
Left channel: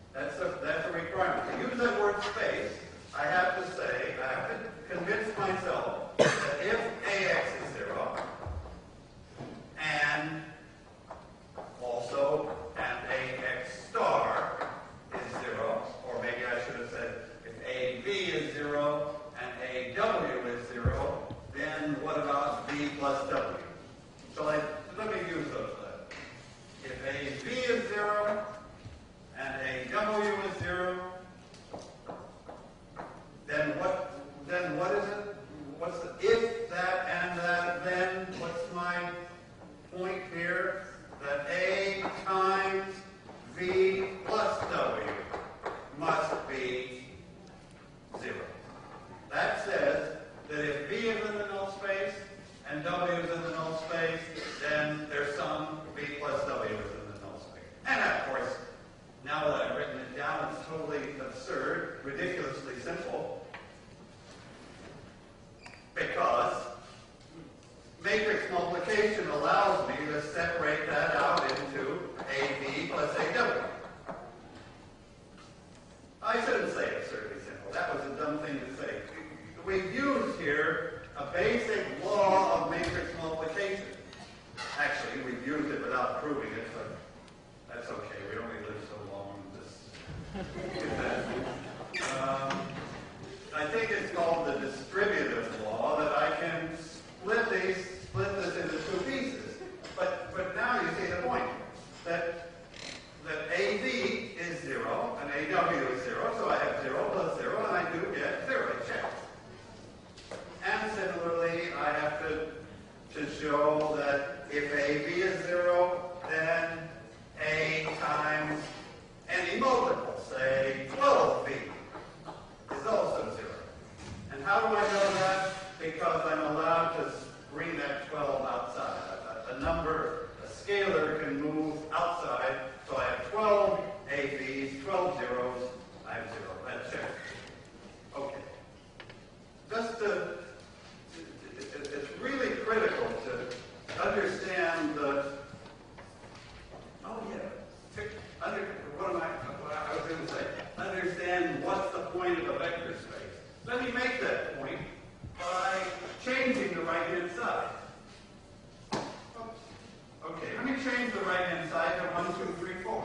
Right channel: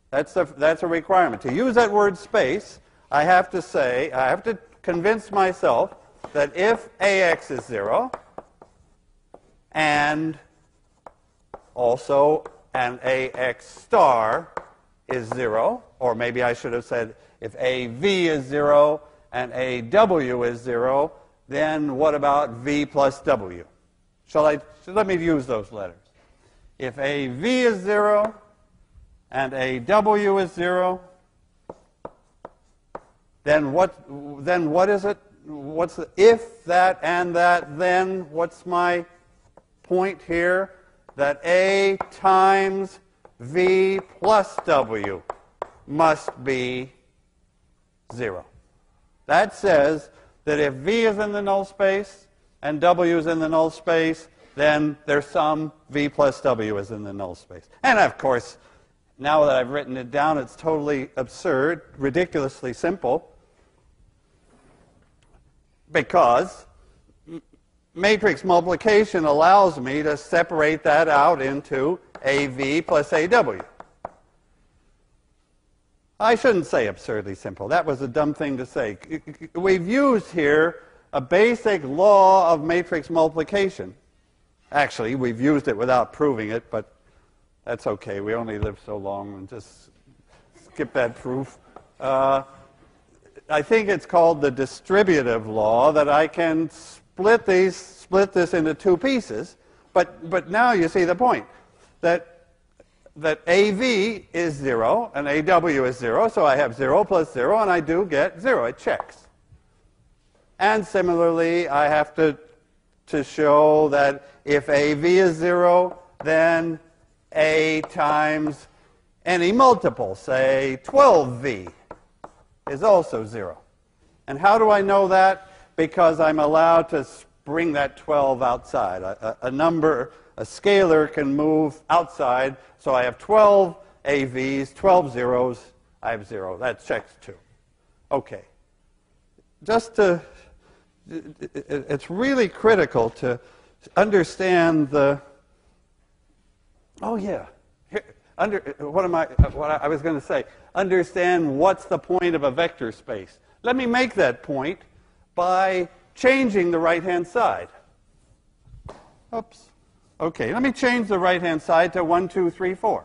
That's a requirement. To use that word space, I have to convince myself that if AX is 0, and also an AX star is 0, or maybe I should have said if AV is 0 and AW is 0, then what about V plus W? Let me use those letters. If AV is 0 and AW is 0, then what is it? What's the if, that, and that, then what's my point here? That A times V plus W must be 0. That says that if V is in the null space and W is in the null space, then their sum, V plus W, is in the null space. And of course, now that I've written it down, it's totally absurd, ridiculously simple, because matrix multiplication allows me to separate that out into AV plus AW. I shouldn't say absurdly simple. That was a dumb thing to say. We've used here a basic law of matrix multiplication. Actually, we've used it without proving it, but that's okay. We only live so long, and just skip that proof. I think it's called the distributive law, that I can split this into two pieces. But now you see the point, that AV is 0 and AW is 0, so I have 0 plus 0, and I do get 0. It checks. And similarly, I have to show that if AV is 0, then A times any multiple, say 12v, is also 0. And how do I know that? Because I'm allowed to bring that 12 outside. A scalar can move outside, so I have 12 AVs, 12 zeros, I have 0. That checks true. Okay. It's really critical to understand the, oh yeah, what I was going to say, understand what's the point of a vector space. Let me make that point by changing the right-hand side. Oops. Okay, let me change the right-hand side to 1, 2, 3, 4.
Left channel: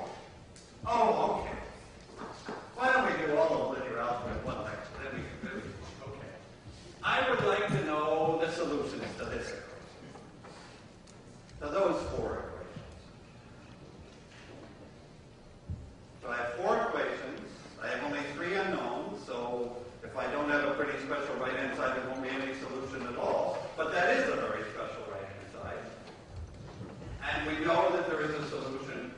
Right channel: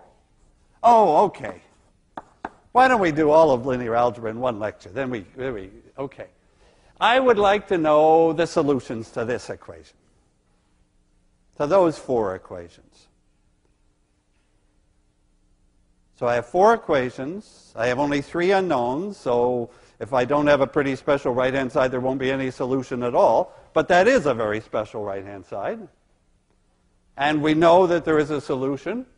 Oh, okay. Why don't we do all of linear algebra in one lecture? Okay. I would like to know the solutions to this equation, to those 4 equations. So I have 4 equations. I have only 3 unknowns, so if I don't have a pretty special right-hand side, there won't be any solution at all. But that is a very special right-hand side. And we know that there is a solution.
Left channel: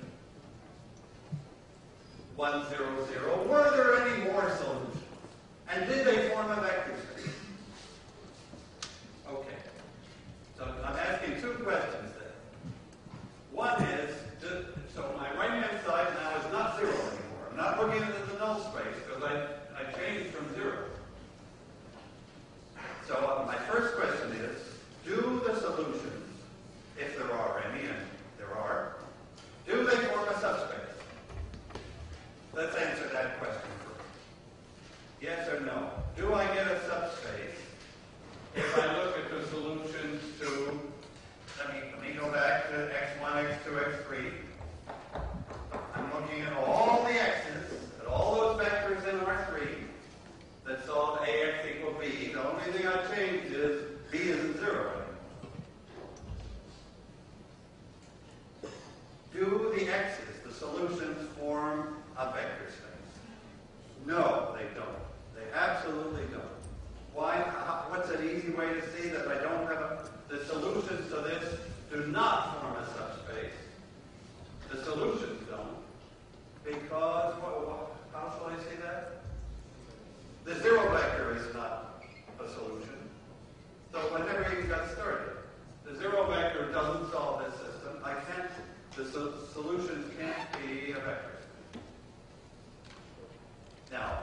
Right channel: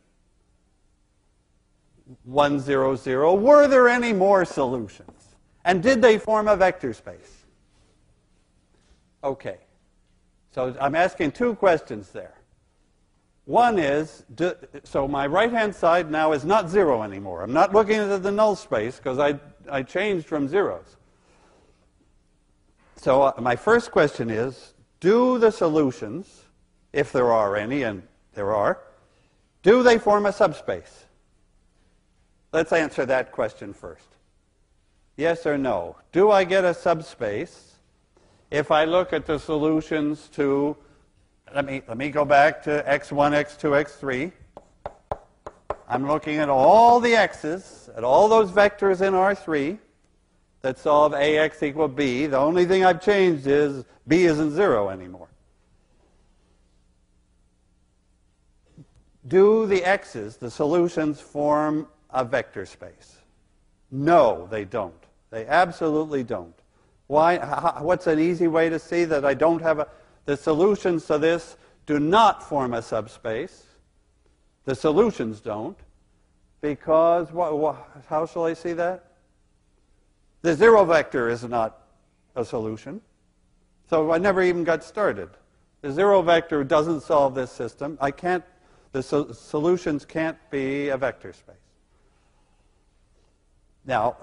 1, 0, 0. Were there any more solutions? And did they form a vector space? Okay. So I'm asking 2 questions there. One is, so my right-hand side now is not 0 anymore. I'm not looking at the null space because I changed from zeros. So my first question is, do the solutions, if there are any, and there are, do they form a subspace? Let's answer that question first. Yes or no? Do I get a subspace if I look at the solutions to, let me go back to x1, x2, x3. I'm looking at all the x's, at all those vectors in R3 that solve ax equal b. The only thing I've changed is b isn't 0 anymore. Do the x's, the solutions, form a vector space? No, they don't. They absolutely don't. Why? What's an easy way to see that I don't have the solutions to this do not form a subspace? The solutions don't. Because, how shall I see that? The 0 vector is not a solution. So I never even got started. The 0 vector doesn't solve this system. The solutions can't be a vector space. Now,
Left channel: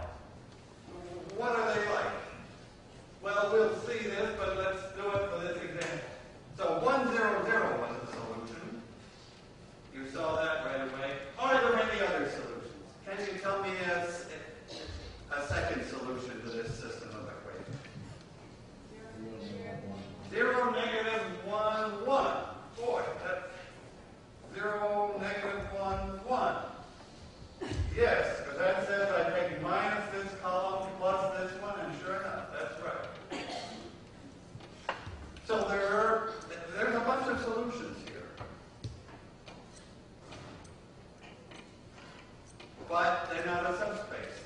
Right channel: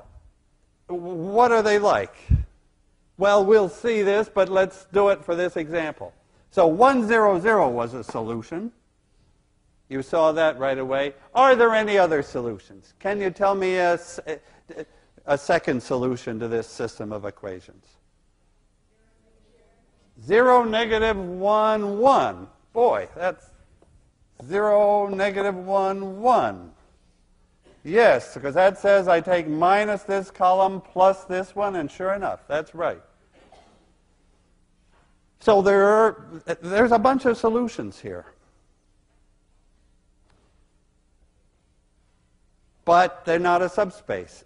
what are they like? Well, we'll see this, but let's do it for this example. So 1, 0, 0 was a solution. You saw that right away. Are there any other solutions? Can you tell me a second solution to this system of equations? 0, negative 1, 1. Boy, that's 0, negative 1, 1. Yes, because that says I take minus this column plus this one, and sure enough, that's right. So there's a bunch of solutions here. But they're not a subspace.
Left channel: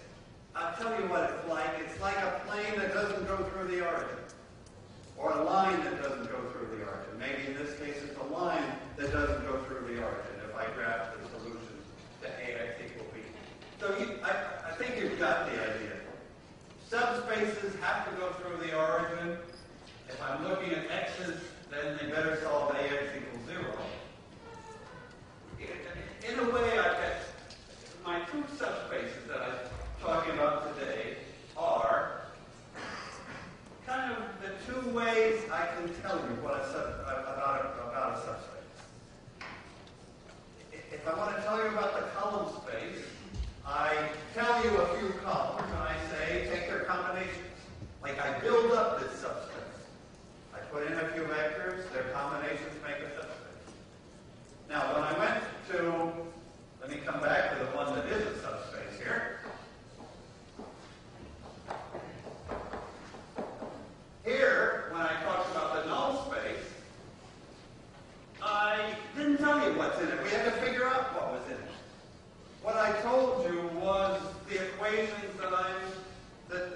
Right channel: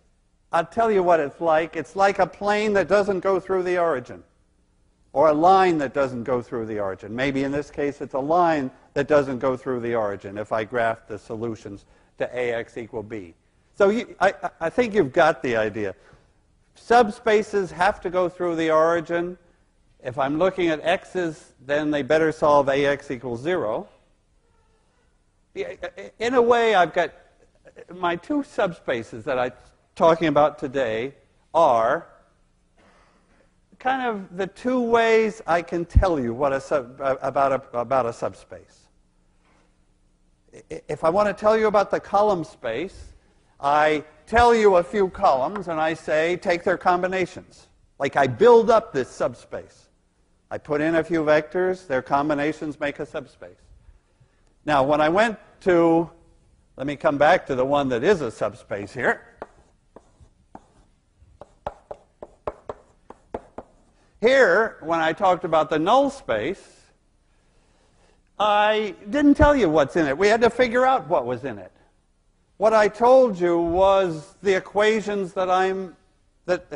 I'll tell you what it's like. It's like a plane that doesn't go through the origin, or a line that doesn't go through the origin. Maybe in this case it's a line that doesn't go through the origin if I graph the solutions to ax equal b. So I think you've got the idea. Subspaces have to go through the origin. If I'm looking at x's, then they better solve ax equals 0. In a way, I've got my 2 subspaces that I'm talking about today are kind of the 2 ways I can tell you what about a subspace. If I want to tell you about the column space, I tell you a few columns and I say, take their combinations. Like I build up this subspace. I put in a few vectors, their combinations make a subspace. Now, when I went to, let me come back to the one that is a subspace here. Here, when I talked about the null space, I didn't tell you what's in it. We had to figure out what was in it. What I told you was the equations that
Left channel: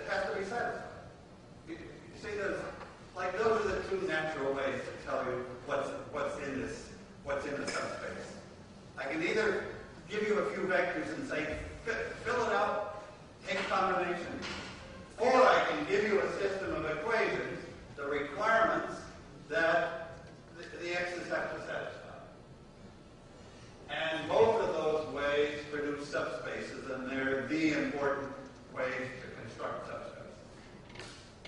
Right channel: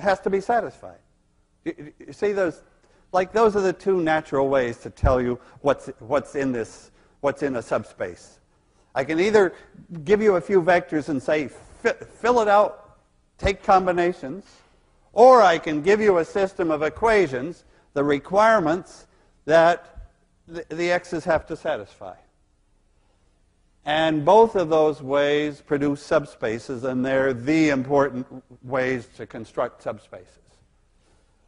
has to be satisfied. You see, those are the 2 natural ways to tell you what's in a subspace. I can either give you a few vectors and say, fill it out, take combinations. Or I can give you a system of equations, the requirements that the x's have to satisfy. And both of those ways produce subspaces, and they're the important ways to construct subspaces.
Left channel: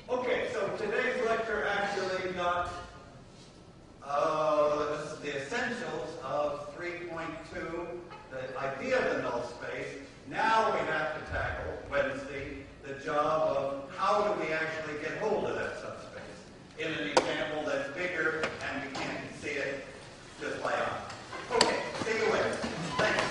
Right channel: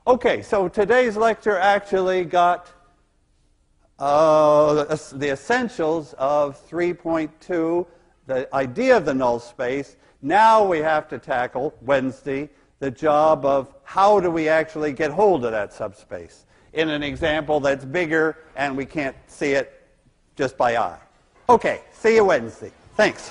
Okay, so today's lecture actually got the essentials of 3.2, the idea of the null space. Now we have to tackle, Wednesday, the job of how do we actually get hold of that subspace in an example that's bigger and we can't see it just by eye. Okay, see you Wednesday. Thanks.